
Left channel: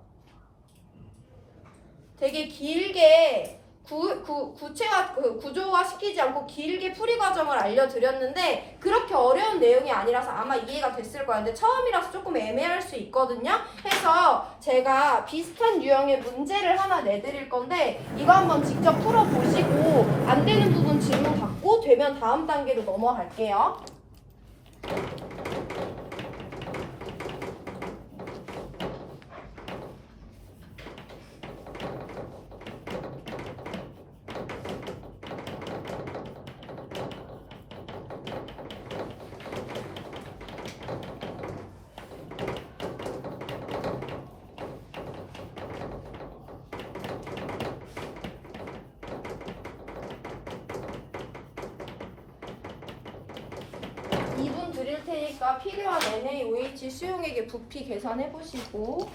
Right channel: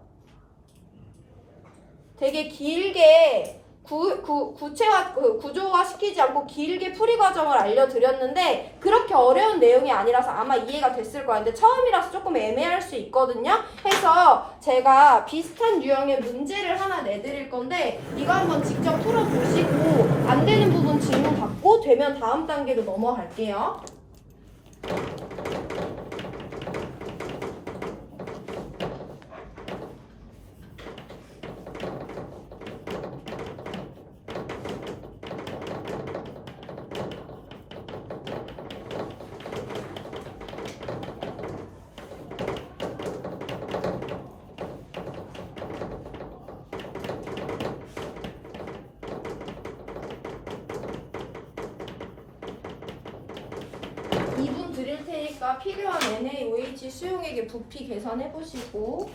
되게 길게 구조화 시키지 않고 길게 풀이 과정을 알려드렸는데 그렇게 어려운 내용이 아니라서 아마 이해가 됐을 거예요. 근데 처음이라서 조금 애매할 수 있거든요. 해서 제가 비슷한 유형의 문제를 하나 내드릴 건데 이거 한번 직접 풀어보시고 안 되는 부분 질문 받고 되면 다음 단계로 넘어갈게요. 2분 드릴 테니까 필요한 NaOH 수용액의 부피 계산해 보시고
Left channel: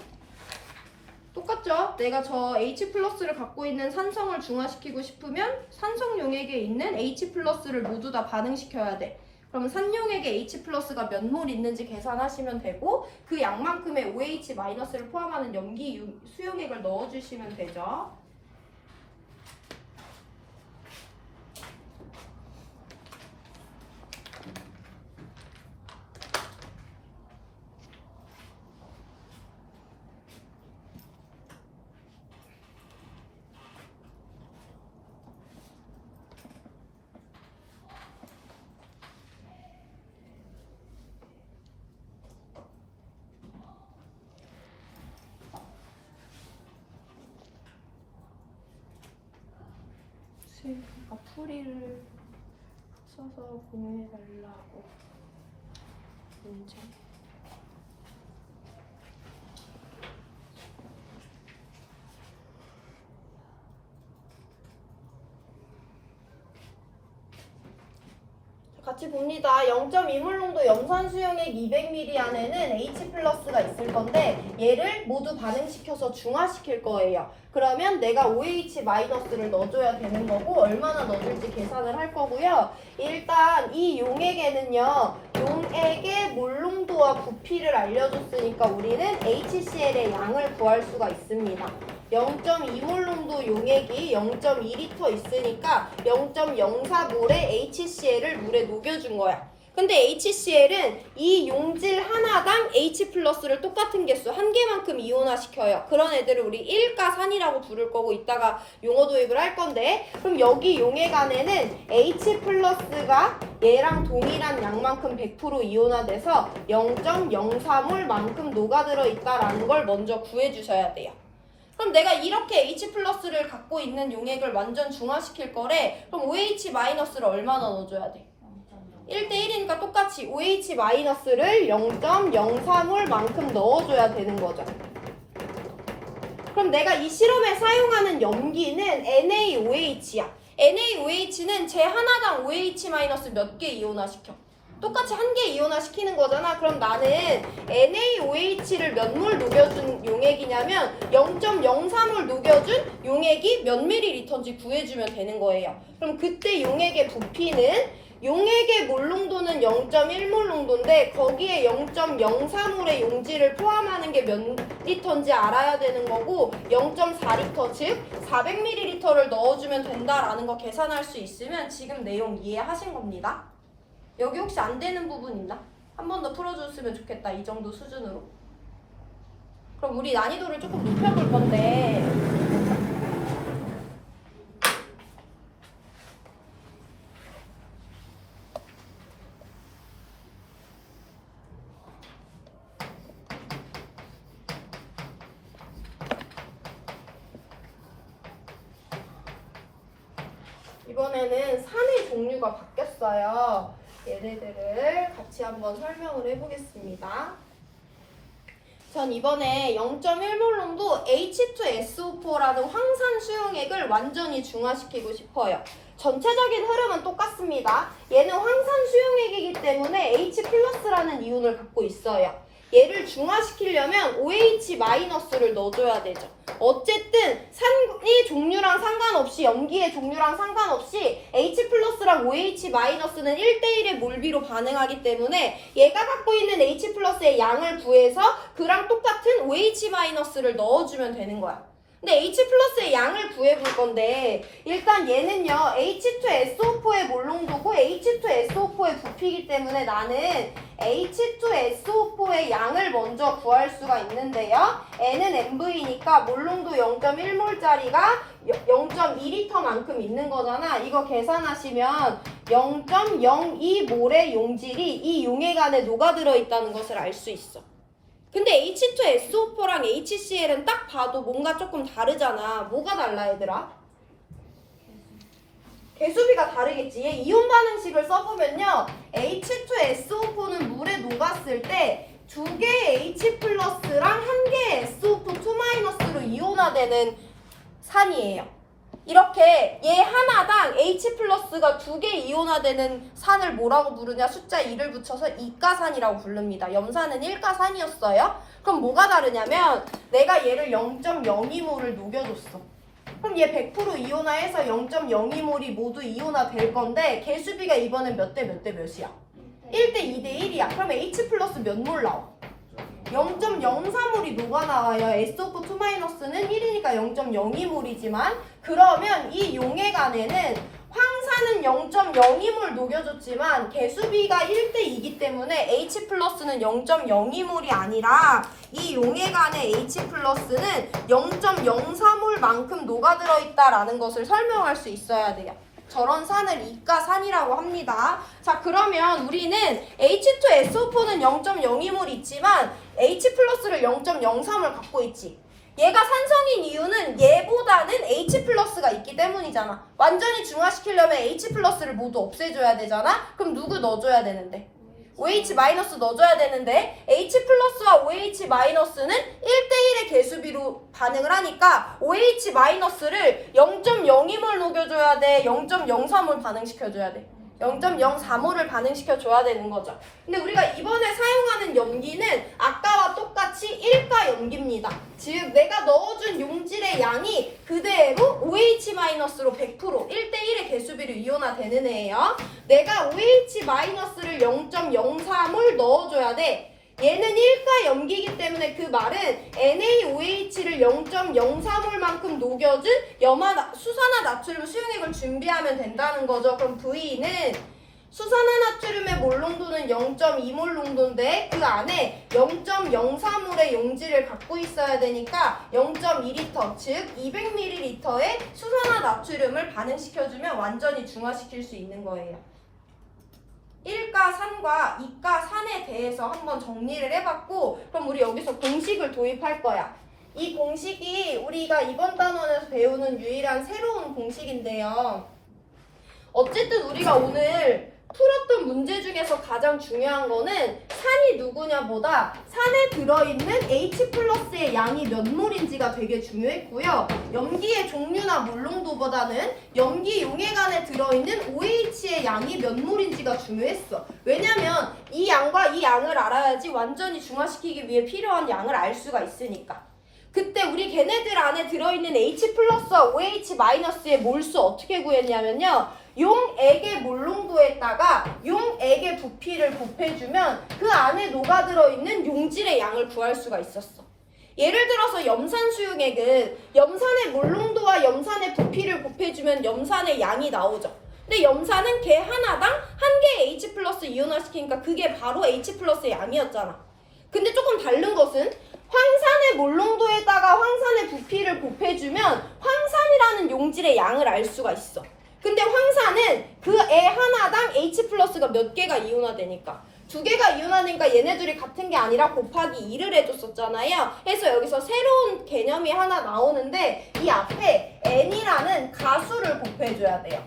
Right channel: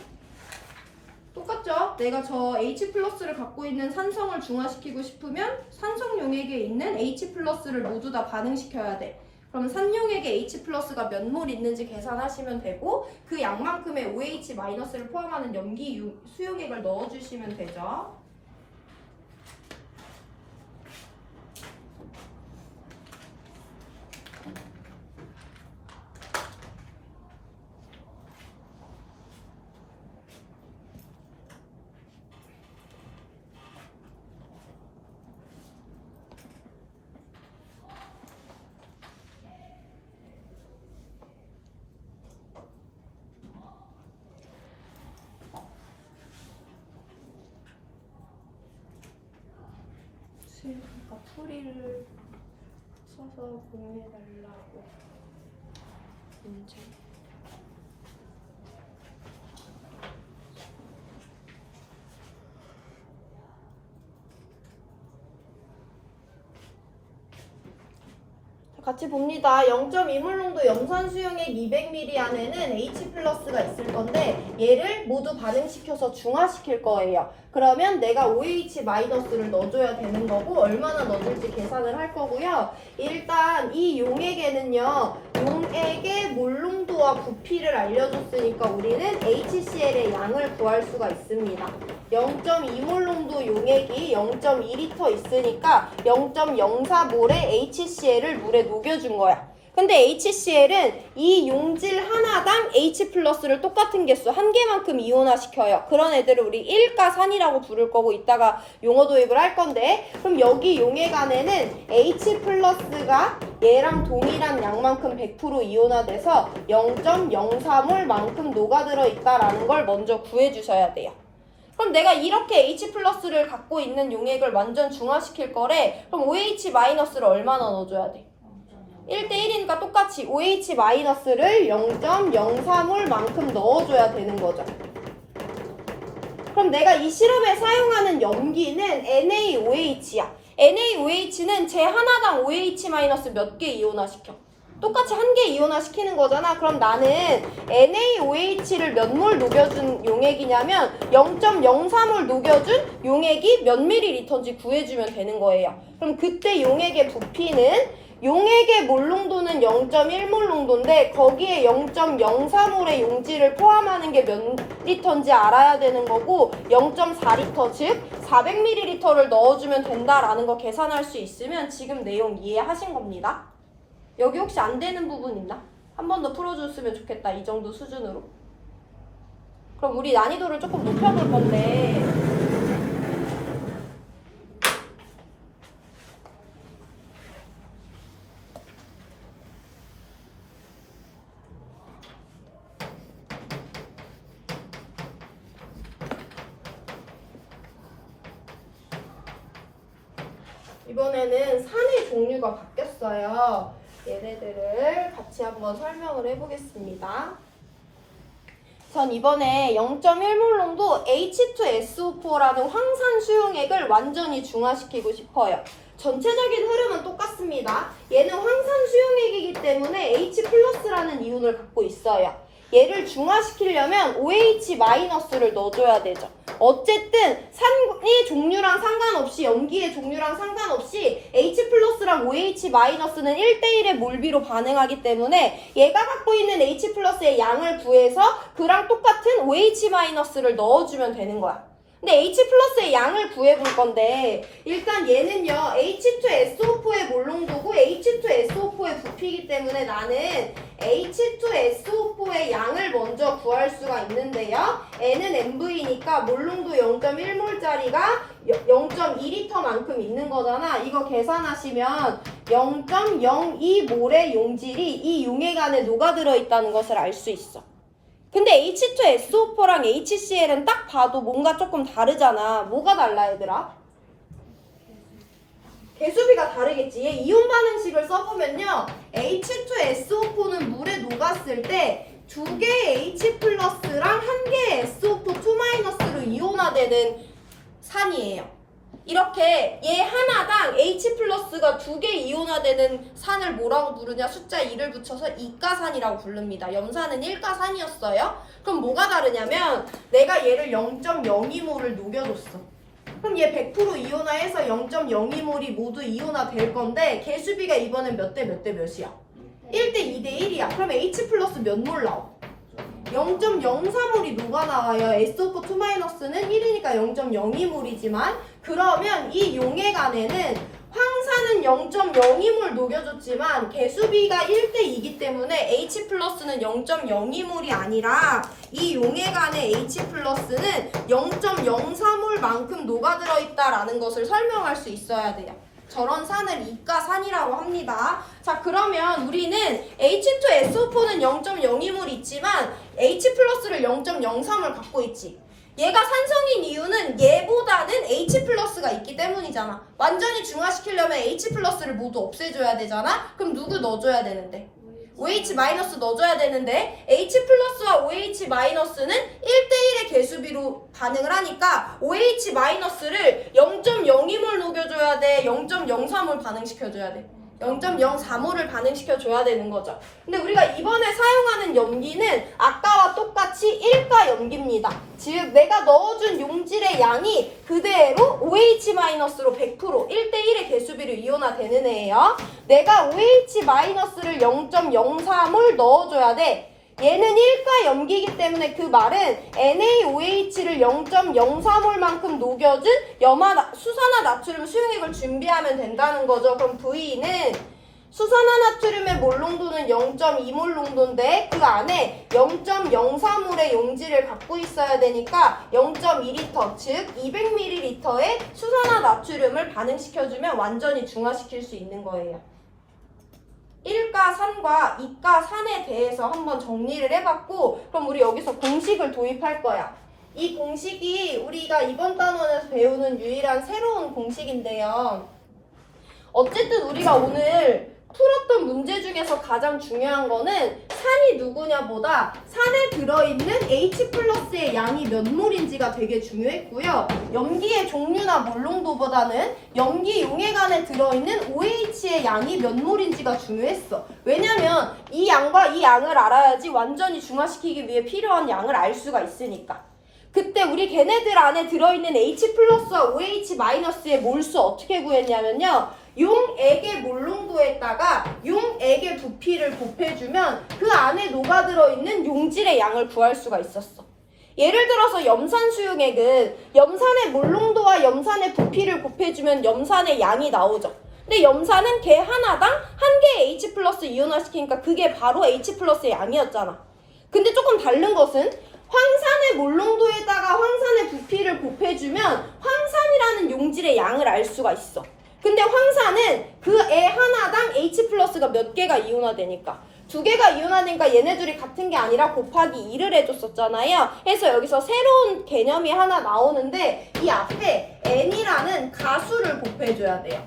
똑같죠? 내가 저 H 플러스를 갖고 있는 산성을 중화시키고 싶으면 산성 용액에 있는 H 플러스를 모두 다 반응시켜야 돼. 그러면 산용액에 H 플러스가 몇 몰 있는지 계산하시면 되고 그 양만큼의 OH 마이너스를 포함하는 염기 수용액을 넣어주시면 되죠. 그러니까 풀이를 써서 보내달라고 문제. 같이 봅니다. 0.2몰농도 염산 수용액 200ml 안에는 H 플러스가 있을 건데 얘를 모두 반응시켜서 중화시킬 거예요. 그러면 내가 OH 마이너스를 넣어줘야 되는 거고 얼마나 넣어줄지 계산을 할 거고요. 일단 이 용액에는요. 용액의 몰농도와 부피를 알려줬으니까 우리는 HCl의 양을 구할 수가 있습니다. 0.2몰농도 용액이 0.2L 있으니까 0.04몰의 HCl을 물에 녹여준 거야. 근데 HCl은 이 용질 하나당 H 플러스를 똑같은 개수 한 개만큼 이온화시켜요. 그런 애들을 우리 일가산이라고 부를 거고 이따가 용어 도입을 할 건데 그럼 여기 용액 안에는 H 플러스가 얘랑 동일한 양만큼 100% 이온화돼서 0.04몰 만큼 녹아들어 있다라는 걸 먼저 구해주셔야 돼요. 그럼 내가 이렇게 H 플러스를 갖고 있는 용액을 완전 중화시킬 거래. 그럼 OH 마이너스를 얼마나 넣어줘야 돼? 1대1이니까 똑같이 OH 마이너스를 0.03몰 만큼 넣어줘야 되는 거죠. 그럼 내가 이 실험에 사용하는 염기는 NaOH야. NaOH는 제 하나당 OH 마이너스 몇 개 이온화시켜? 똑같이 한 개 이온화시키는 거잖아. 그럼 나는 NaOH를 몇 몰 녹여준 용액이냐면 0.03몰 녹여준 용액이 몇 밀리리터인지 구해주면 되는 거예요. 그럼 그때 용액의 부피는 용액의 몰농도는 0.1몰 농도인데 거기에 0.04몰의 용질을 포함하는 게 몇 리터인지 알아야 되는 거고 0.4리터 즉 400ml를 넣어주면 된다라는 거 계산할 수 있으면 지금 내용 이해하신 겁니다. 여기 혹시 안 되는 부분 있나? 한 번 더 풀어줬으면 좋겠다. 이 정도 수준으로. 그럼 우리 난이도를 조금 높여볼 건데 이번에는 산의 종류가 바뀌었어요. 얘네들을 같이 한번 설명을 해보겠습니다. 전 이번에 0.1몰 농도 H2SO4라는 황산 수용액을 완전히 중화시키고 싶어요. 전체적인 흐름은 똑같습니다. 얘는 황산 수용액이기 때문에 H 플러스라는 이온을 갖고 있어요. 얘를 중화시키려면 OH 마이너스를 넣어줘야 되죠. 어쨌든 산의 종류랑 상관없이 염기의 종류랑 상관없이 H 플러스랑 OH 마이너스는 1대1의 몰비로 반응하기 때문에 얘가 갖고 있는 H 플러스의 양을 구해서 그랑 똑같은 OH 마이너스를 넣어주면 되는 거야. 근데 H 플러스의 양을 구해볼 건데 일단 얘는요 H2SO4의 몰농도고 H2SO4의 부피이기 때문에 나는 H2SO4의 양을 먼저 구할 수가 있는데요. N은 MV니까 몰농도 0.1몰짜리가 0.2리터만큼 있는 거잖아. 이거 계산하시면 0.02몰의 용질이 이 용액 안에 녹아들어 있다는 것을 알 수 있어. 근데 H2SO4랑 HCl은 딱 봐도 뭔가 조금 다르잖아. 뭐가 달라 얘들아? 개수비가 다르겠지. 얘 이온 반응식을 써보면요. H2SO4는 물에 녹았을 때 두 개의 H 플러스랑 한 개의 SO2 2마이너스로 이온화되는 산이에요. 이렇게 얘 하나당 H 플러스가 2개 이온화되는 산을 뭐라고 부르냐? 숫자 2를 붙여서 이가산이라고 부릅니다. 염산은 1가산이었어요. 그럼 뭐가 다르냐면 내가 얘를 0.02몰을 녹여줬어. 그럼 얘 100% 이온화해서 0.02몰이 모두 이온화 될 건데 개수비가 이번엔 몇 대 몇 대 몇이야? 1대 2대 1이야. 그럼 H 플러스 몇 몰 나와? 0.04몰이 녹아나와요. SO4-2-는 1이니까 0.02몰이지만 그러면 이 용액 안에는 황산은 0.02몰 녹여줬지만 개수비가 1대 2이기 때문에 H 플러스는 0.02몰이 아니라 이 용액 안에 H 플러스는 0.04몰만큼 녹아들어 있다라는 것을 설명할 수 있어야 돼요. 저런 산을 이가산이라고 합니다. 자, 그러면 우리는 H2SO4는 0.02몰 있지만 H 플러스를 0.03몰 갖고 있지. 얘가 산성인 이유는 얘보다는 H 플러스가 있기 때문이잖아. 완전히 중화시키려면 H 플러스를 모두 없애줘야 되잖아. 그럼 누구 넣어줘야 되는데? OH 마이너스 넣어줘야 되는데 H 플러스와 OH 마이너스는 1대1의 개수비로 반응을 하니까 OH 마이너스를 0.02몰 녹여줘야 돼. 0.03몰 반응시켜줘야 돼. 0.04몰을 반응시켜줘야 되는 거죠. 근데 우리가 이번에 사용하는 염기는 아까와 똑같이 1가 염기입니다. 즉 내가 넣어준 용질의 양이 그대로 OH-로 100% 1대1의 개수비로 이온화되는 애예요. 내가 OH-를 0.04몰 넣어줘야 돼. 얘는 1가 염기이기 때문에 그 말은 NaOH를 0.04몰만큼 녹여준 수산화나트륨 수용액을 준비하면 된다는 거죠. 그럼 V는 수산화나트륨의 몰 농도는 0.2몰 농도인데 그 안에 0.04몰의 용질을 갖고 있어야 되니까 0.2리터 즉 200ml의 수산화나트륨을 반응시켜주면 완전히 중화시킬 수 있는 거예요. 1가산과 2가산에 대해서 한번 정리를 해봤고 그럼 우리 여기서 공식을 도입할 거야. 이 공식이 우리가 이번 단원에서 배우는 유일한 새로운 공식인데요. 어쨌든 우리가 오늘 풀었던 문제 중에서 가장 중요한 거는 산이 누구냐보다 산에 들어있는 H 플러스의 양이 몇 몰인지가 되게 중요했고요. 염기의 종류나 몰 농도보다는 염기 용액 안에 들어있는 OH의 양이 몇 몰인지가 중요했어. 왜냐면 이 양과 이 양을 알아야지 완전히 중화시키기 위해 필요한 양을 알 수가 있으니까. 그때 우리 걔네들 안에 들어있는 H 플러스와 OH 마이너스의 몰수 어떻게 구했냐면요. 용액의 몰농도에다가 용액의 부피를 곱해주면 그 안에 녹아들어 있는 용질의 양을 구할 수가 있었어. 예를 들어서 염산 수용액은 염산의 몰농도와 염산의 부피를 곱해주면 염산의 양이 나오죠. 근데 염산은 걔 하나당 한 개의 H 플러스 이온화시키니까 그게 바로 H 플러스의 양이었잖아. 근데 조금 다른 것은 황산의 몰농도에다가 황산의 부피를 곱해주면 황산이라는 용질의 양을 알 수가 있어. 근데 황산은 그 애 하나당 H 플러스가 몇 개가 이온화되니까 2개가 이온화되니까 얘네들이 같은 게 아니라 곱하기 2를 해줬었잖아요. 그래서 여기서 새로운 개념이 하나 나오는데 이 앞에 N이라는 가수를 곱해줘야 돼요.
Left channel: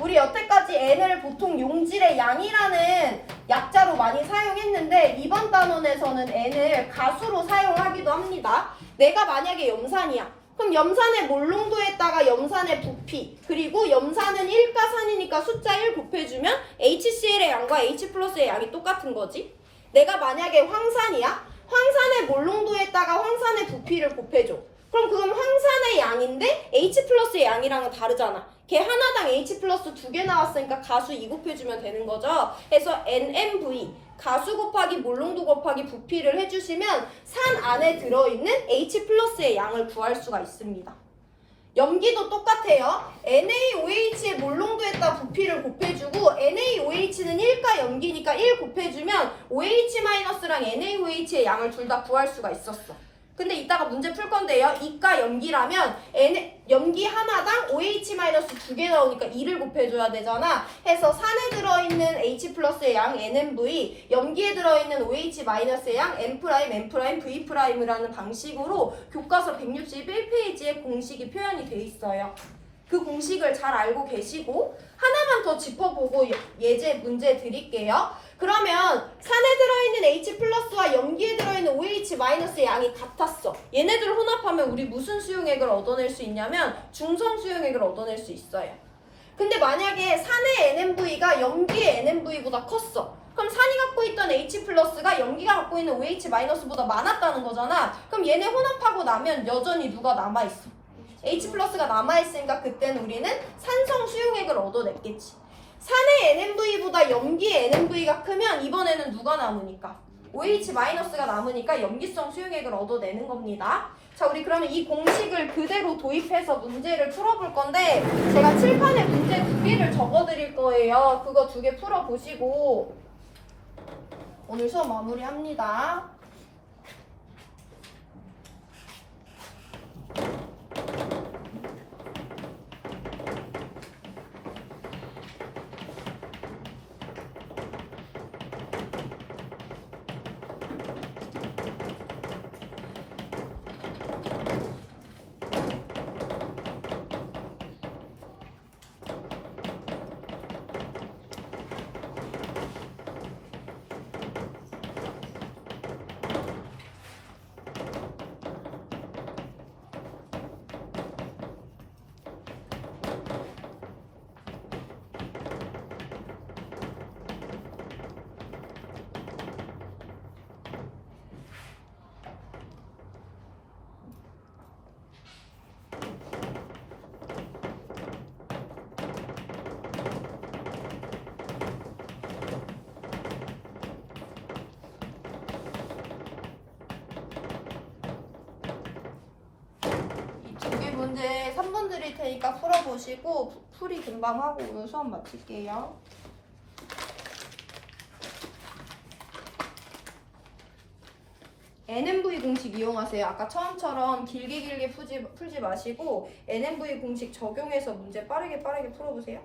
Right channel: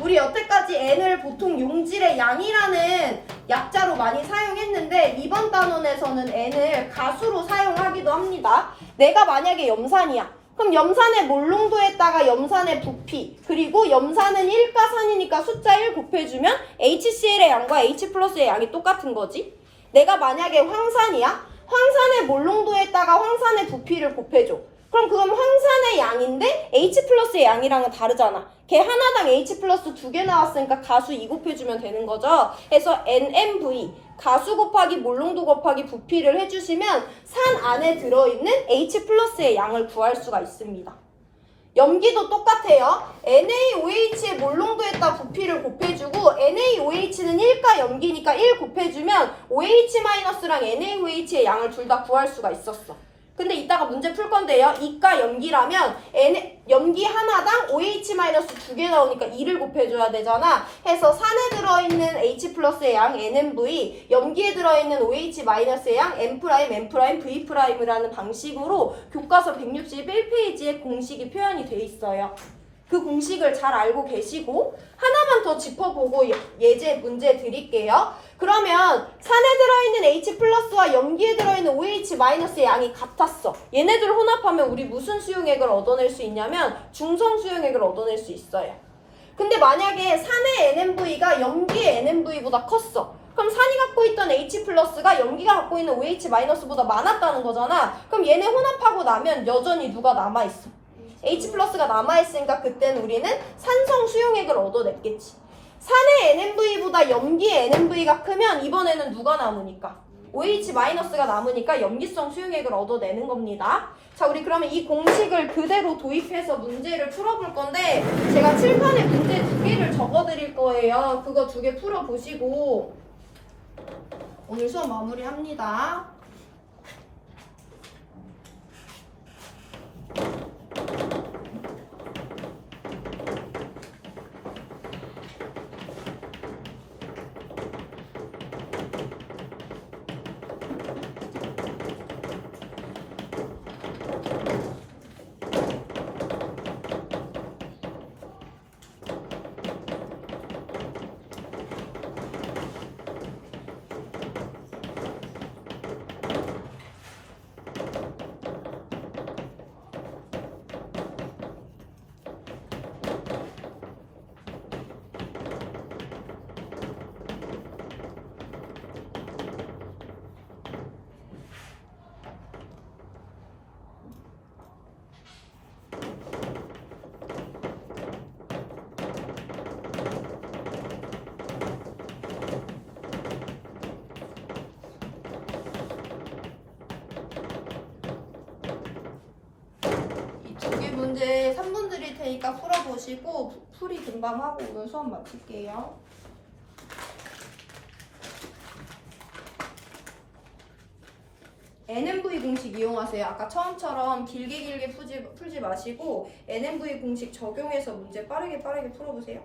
우리 여태까지 N을 보통 용질의 양이라는 약자로 많이 사용했는데 이번 단원에서는 N을 가수로 사용하기도 합니다. 내가 만약에 염산이야. 그럼 염산의 몰농도에다가 염산의 부피 그리고 염산은 1가산이니까 숫자 1 곱해주면 HCl의 양과 H 플러스의 양이 똑같은 거지. 내가 만약에 황산이야. 황산의 몰농도에다가 황산의 부피를 곱해줘. 그럼 그건 황산의 양인데 H 플러스의 양이랑은 다르잖아. 걔 하나당 H 플러스 2개 나왔으니까 가수 2 곱해주면 되는 거죠. 그래서 NMV 가수 곱하기 몰농도 곱하기 부피를 해주시면 산 안에 들어있는 H 플러스의 양을 구할 수가 있습니다. 염기도 똑같아요. NaOH의 몰농도에다 부피를 곱해주고 NaOH는 1가 염기니까 1 곱해주면 OH-랑 NaOH의 양을 둘 다 구할 수가 있었어. 근데 이따가 문제 풀 건데요. 2가 염기라면 염기 하나당 OH- 2개 나오니까 2를 곱해줘야 되잖아. 해서 산에 들어있는 H 플러스의 양 NMV, 염기에 들어있는 OH-의 양 M', M', V'이라는 방식으로 교과서 161페이지에 공식이 표현이 돼 있어요. 그 공식을 잘 알고 계시고 하나만 더 짚어보고 예제 문제 드릴게요. 그러면 산에 들어있는 H 플러스와 염기에 들어있는 OH 마이너스의 양이 같았어. 얘네들을 혼합하면 우리 무슨 수용액을 얻어낼 수 있냐면 중성 수용액을 얻어낼 수 있어요. 근데 만약에 산의 NMV가 염기의 NMV보다 컸어. 그럼 산이 갖고 있던 H 플러스가 염기가 갖고 있는 OH 마이너스보다 많았다는 거잖아. 그럼 얘네 혼합하고 나면 여전히 누가 남아있어? H 플러스가 남아있으니까 그때는 우리는 산성 수용액을 얻어냈겠지. 산의 NMV보다 염기의 NMV가 크면 이번에는 누가 남으니까? OH 마이너스가 남으니까 염기성 수용액을 얻어내는 겁니다. 자, 우리 그러면 이 공식을 그대로 도입해서 문제를 풀어볼 건데 제가 칠판에 문제 2개를 적어드릴 거예요. 그거 2개 풀어보시고 오늘 수업 마무리합니다. 이 문제 3번 드릴 테니까 풀어보시고 풀이 금방 하고 오늘 수업 마칠게요. NMV 공식 이용하세요. 아까 처음처럼 길게 풀지 마시고 NMV 공식 적용해서 문제 빠르게 풀어보세요.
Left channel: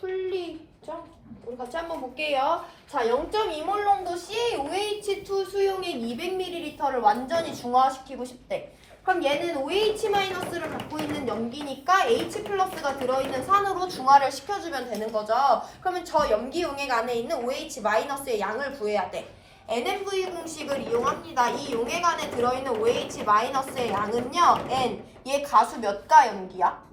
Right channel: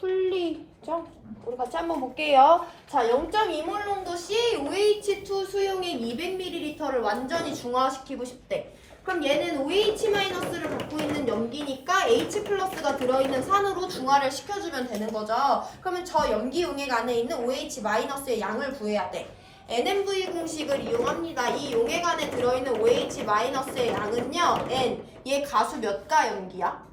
풀리죠? 우리 같이 한번 볼게요. 자, 0.2몰 농도 CaOH2 수용액 200ml를 완전히 중화시키고 싶대. 그럼 얘는 OH-를 갖고 있는 염기니까 H 플러스가 들어있는 산으로 중화를 시켜주면 되는 거죠. 그러면 저 염기 용액 안에 있는 OH-의 양을 구해야 돼. NMV 공식을 이용합니다. 이 용액 안에 들어있는 OH-의 양은요, N. 얘 가수 몇 가 염기야?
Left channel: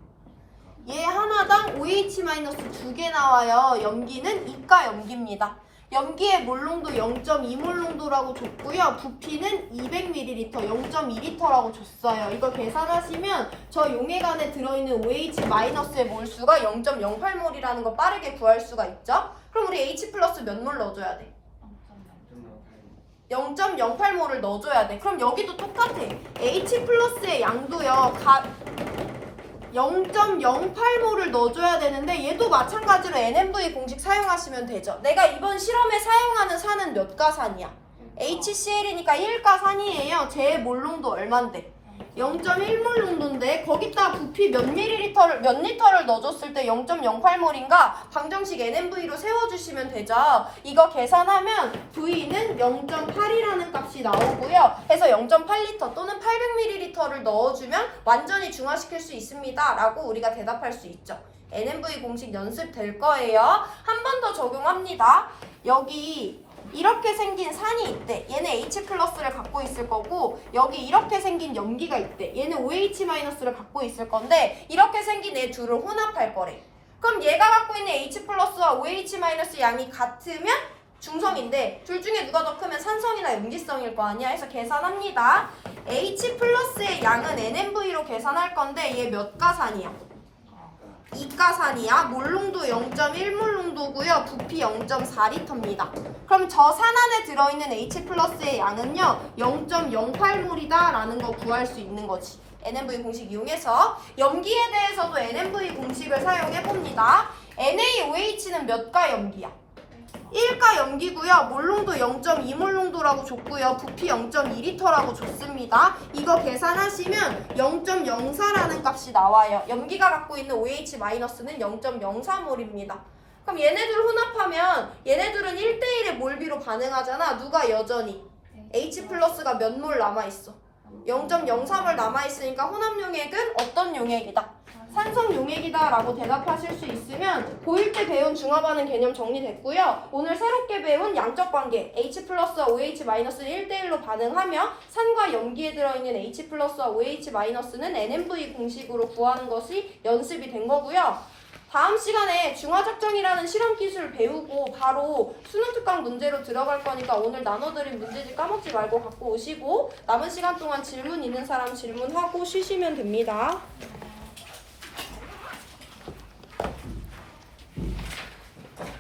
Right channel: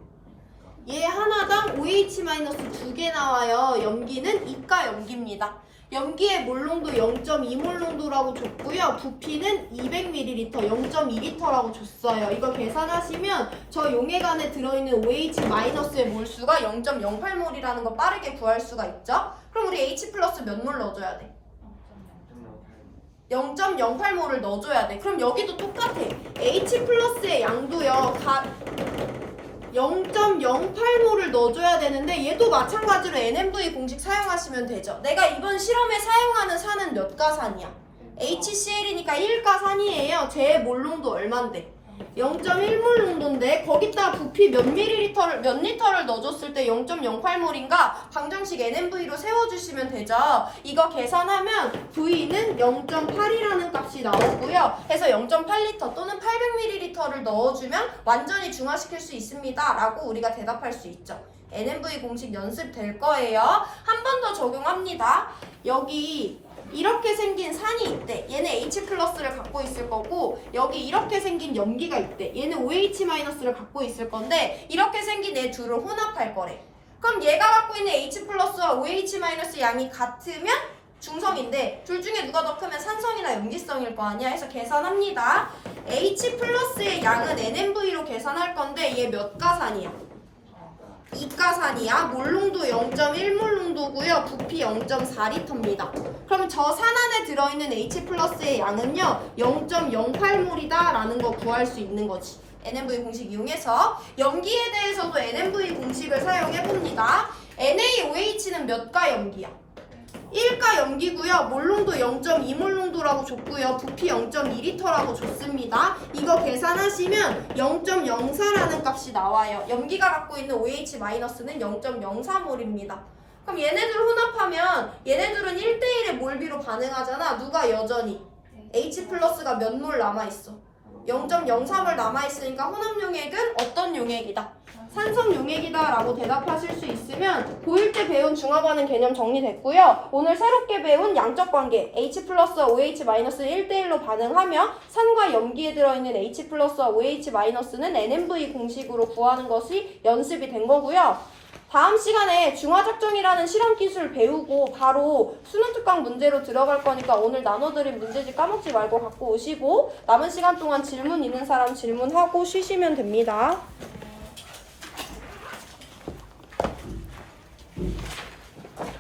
얘 하나당 OH- 2개 나와요. 염기는 2가 염기입니다. 염기의 몰농도 0.2몰 농도라고 줬고요. 부피는 200ml, 0.2L라고 줬어요. 이거 계산하시면 저 용액 안에 들어있는 OH-의 몰수가 0.08몰이라는 거 빠르게 구할 수가 있죠. 그럼 우리 H 플러스 몇 몰 넣어줘야 돼? 0.08몰을 넣어줘야 돼. 그럼 여기도 똑같아. H 플러스의 양도요. 0.08몰을 넣어줘야 되는데 얘도 마찬가지로 NMV 공식 사용하시면 되죠. 내가 이번 실험에 사용하는 산은 몇 가산이야? HCl이니까 1가산이에요. 제 몰농도 얼만데? 0.1몰 농도인데 거기다 부피 몇 리터를 넣어줬을 때 0.08몰인가 방정식 NMV로 세워주시면 되죠. 이거 계산하면 V는 0.8이라는 값이 나오고요. 해서 0.8리터 또는 800ml를 넣어주면 완전히 중화시킬 수 있습니다. 라고 우리가 대답할 수 있죠. NMV 공식 연습될 거예요. 한 번 더 적용합니다. 여기 이렇게 생긴 산이 있대. 얘는 H 플러스를 갖고 있을 거고 여기 이렇게 생긴 염기가 있대. 얘는 OH 마이너스를 갖고 있을 건데 이렇게 생긴 얘 둘을 혼합할 거래. 그럼 얘가 갖고 있는 H 플러스와 OH 마이너스 양이 같으면 중성인데 둘 중에 누가 더 크면 산성이나 염기성일 거 아니야. 해서 계산합니다. H 플러스의 양은 NMV로 계산할 건데 얘 몇 가산이야? 2가산이야. 몰농도 0.1몰농도고요. 부피 0.4리터입니다. 그럼 저 산 안에 들어있는 H 플러스의 양은요 0.08몰이다 라는 거 구할 수 있는 거지. NMV 공식 이용해서 염기에 대해서도 NMV 공식을 사용해봅니다. NaOH는 몇 가 염기야? 1가 염기고요. 몰농도 0.2몰농도라고 줬고요. 부피 0.2리터라고 줬습니다. 이거 계산하시면 0.04라는 값이 나와요. 염기가 갖고 있는 OH-는 0.04몰입니다. 그럼 얘네들 혼합하면 얘네들은 1대1의 몰비로 반응하잖아. 누가 여전히? H 플러스가 몇 몰 남아있어? 0.03몰 남아있으니까 혼합 용액은 어떤 용액이다? 산성 용액이다 라고 대답하실 수 있으면 고1 때 배운 중화반응 개념 정리됐고요. 오늘 새롭게 배운 양적 관계 H 플러스와 OH-는 1대1로 반응하며 산과 염기에 들어있는 H 플러스와 OH-는 NMV 공식으로 구하는 것이 연습이 된 거고요. 다음 시간에 중화적정이라는 실험 기술 배우고 바로 수능 특강 문제로 들어갈 거니까 오늘 나눠드린 문제집 까먹지 말고 갖고 오시고 남은 시간 동안 질문 있는 사람 질문하고 쉬시면 됩니다.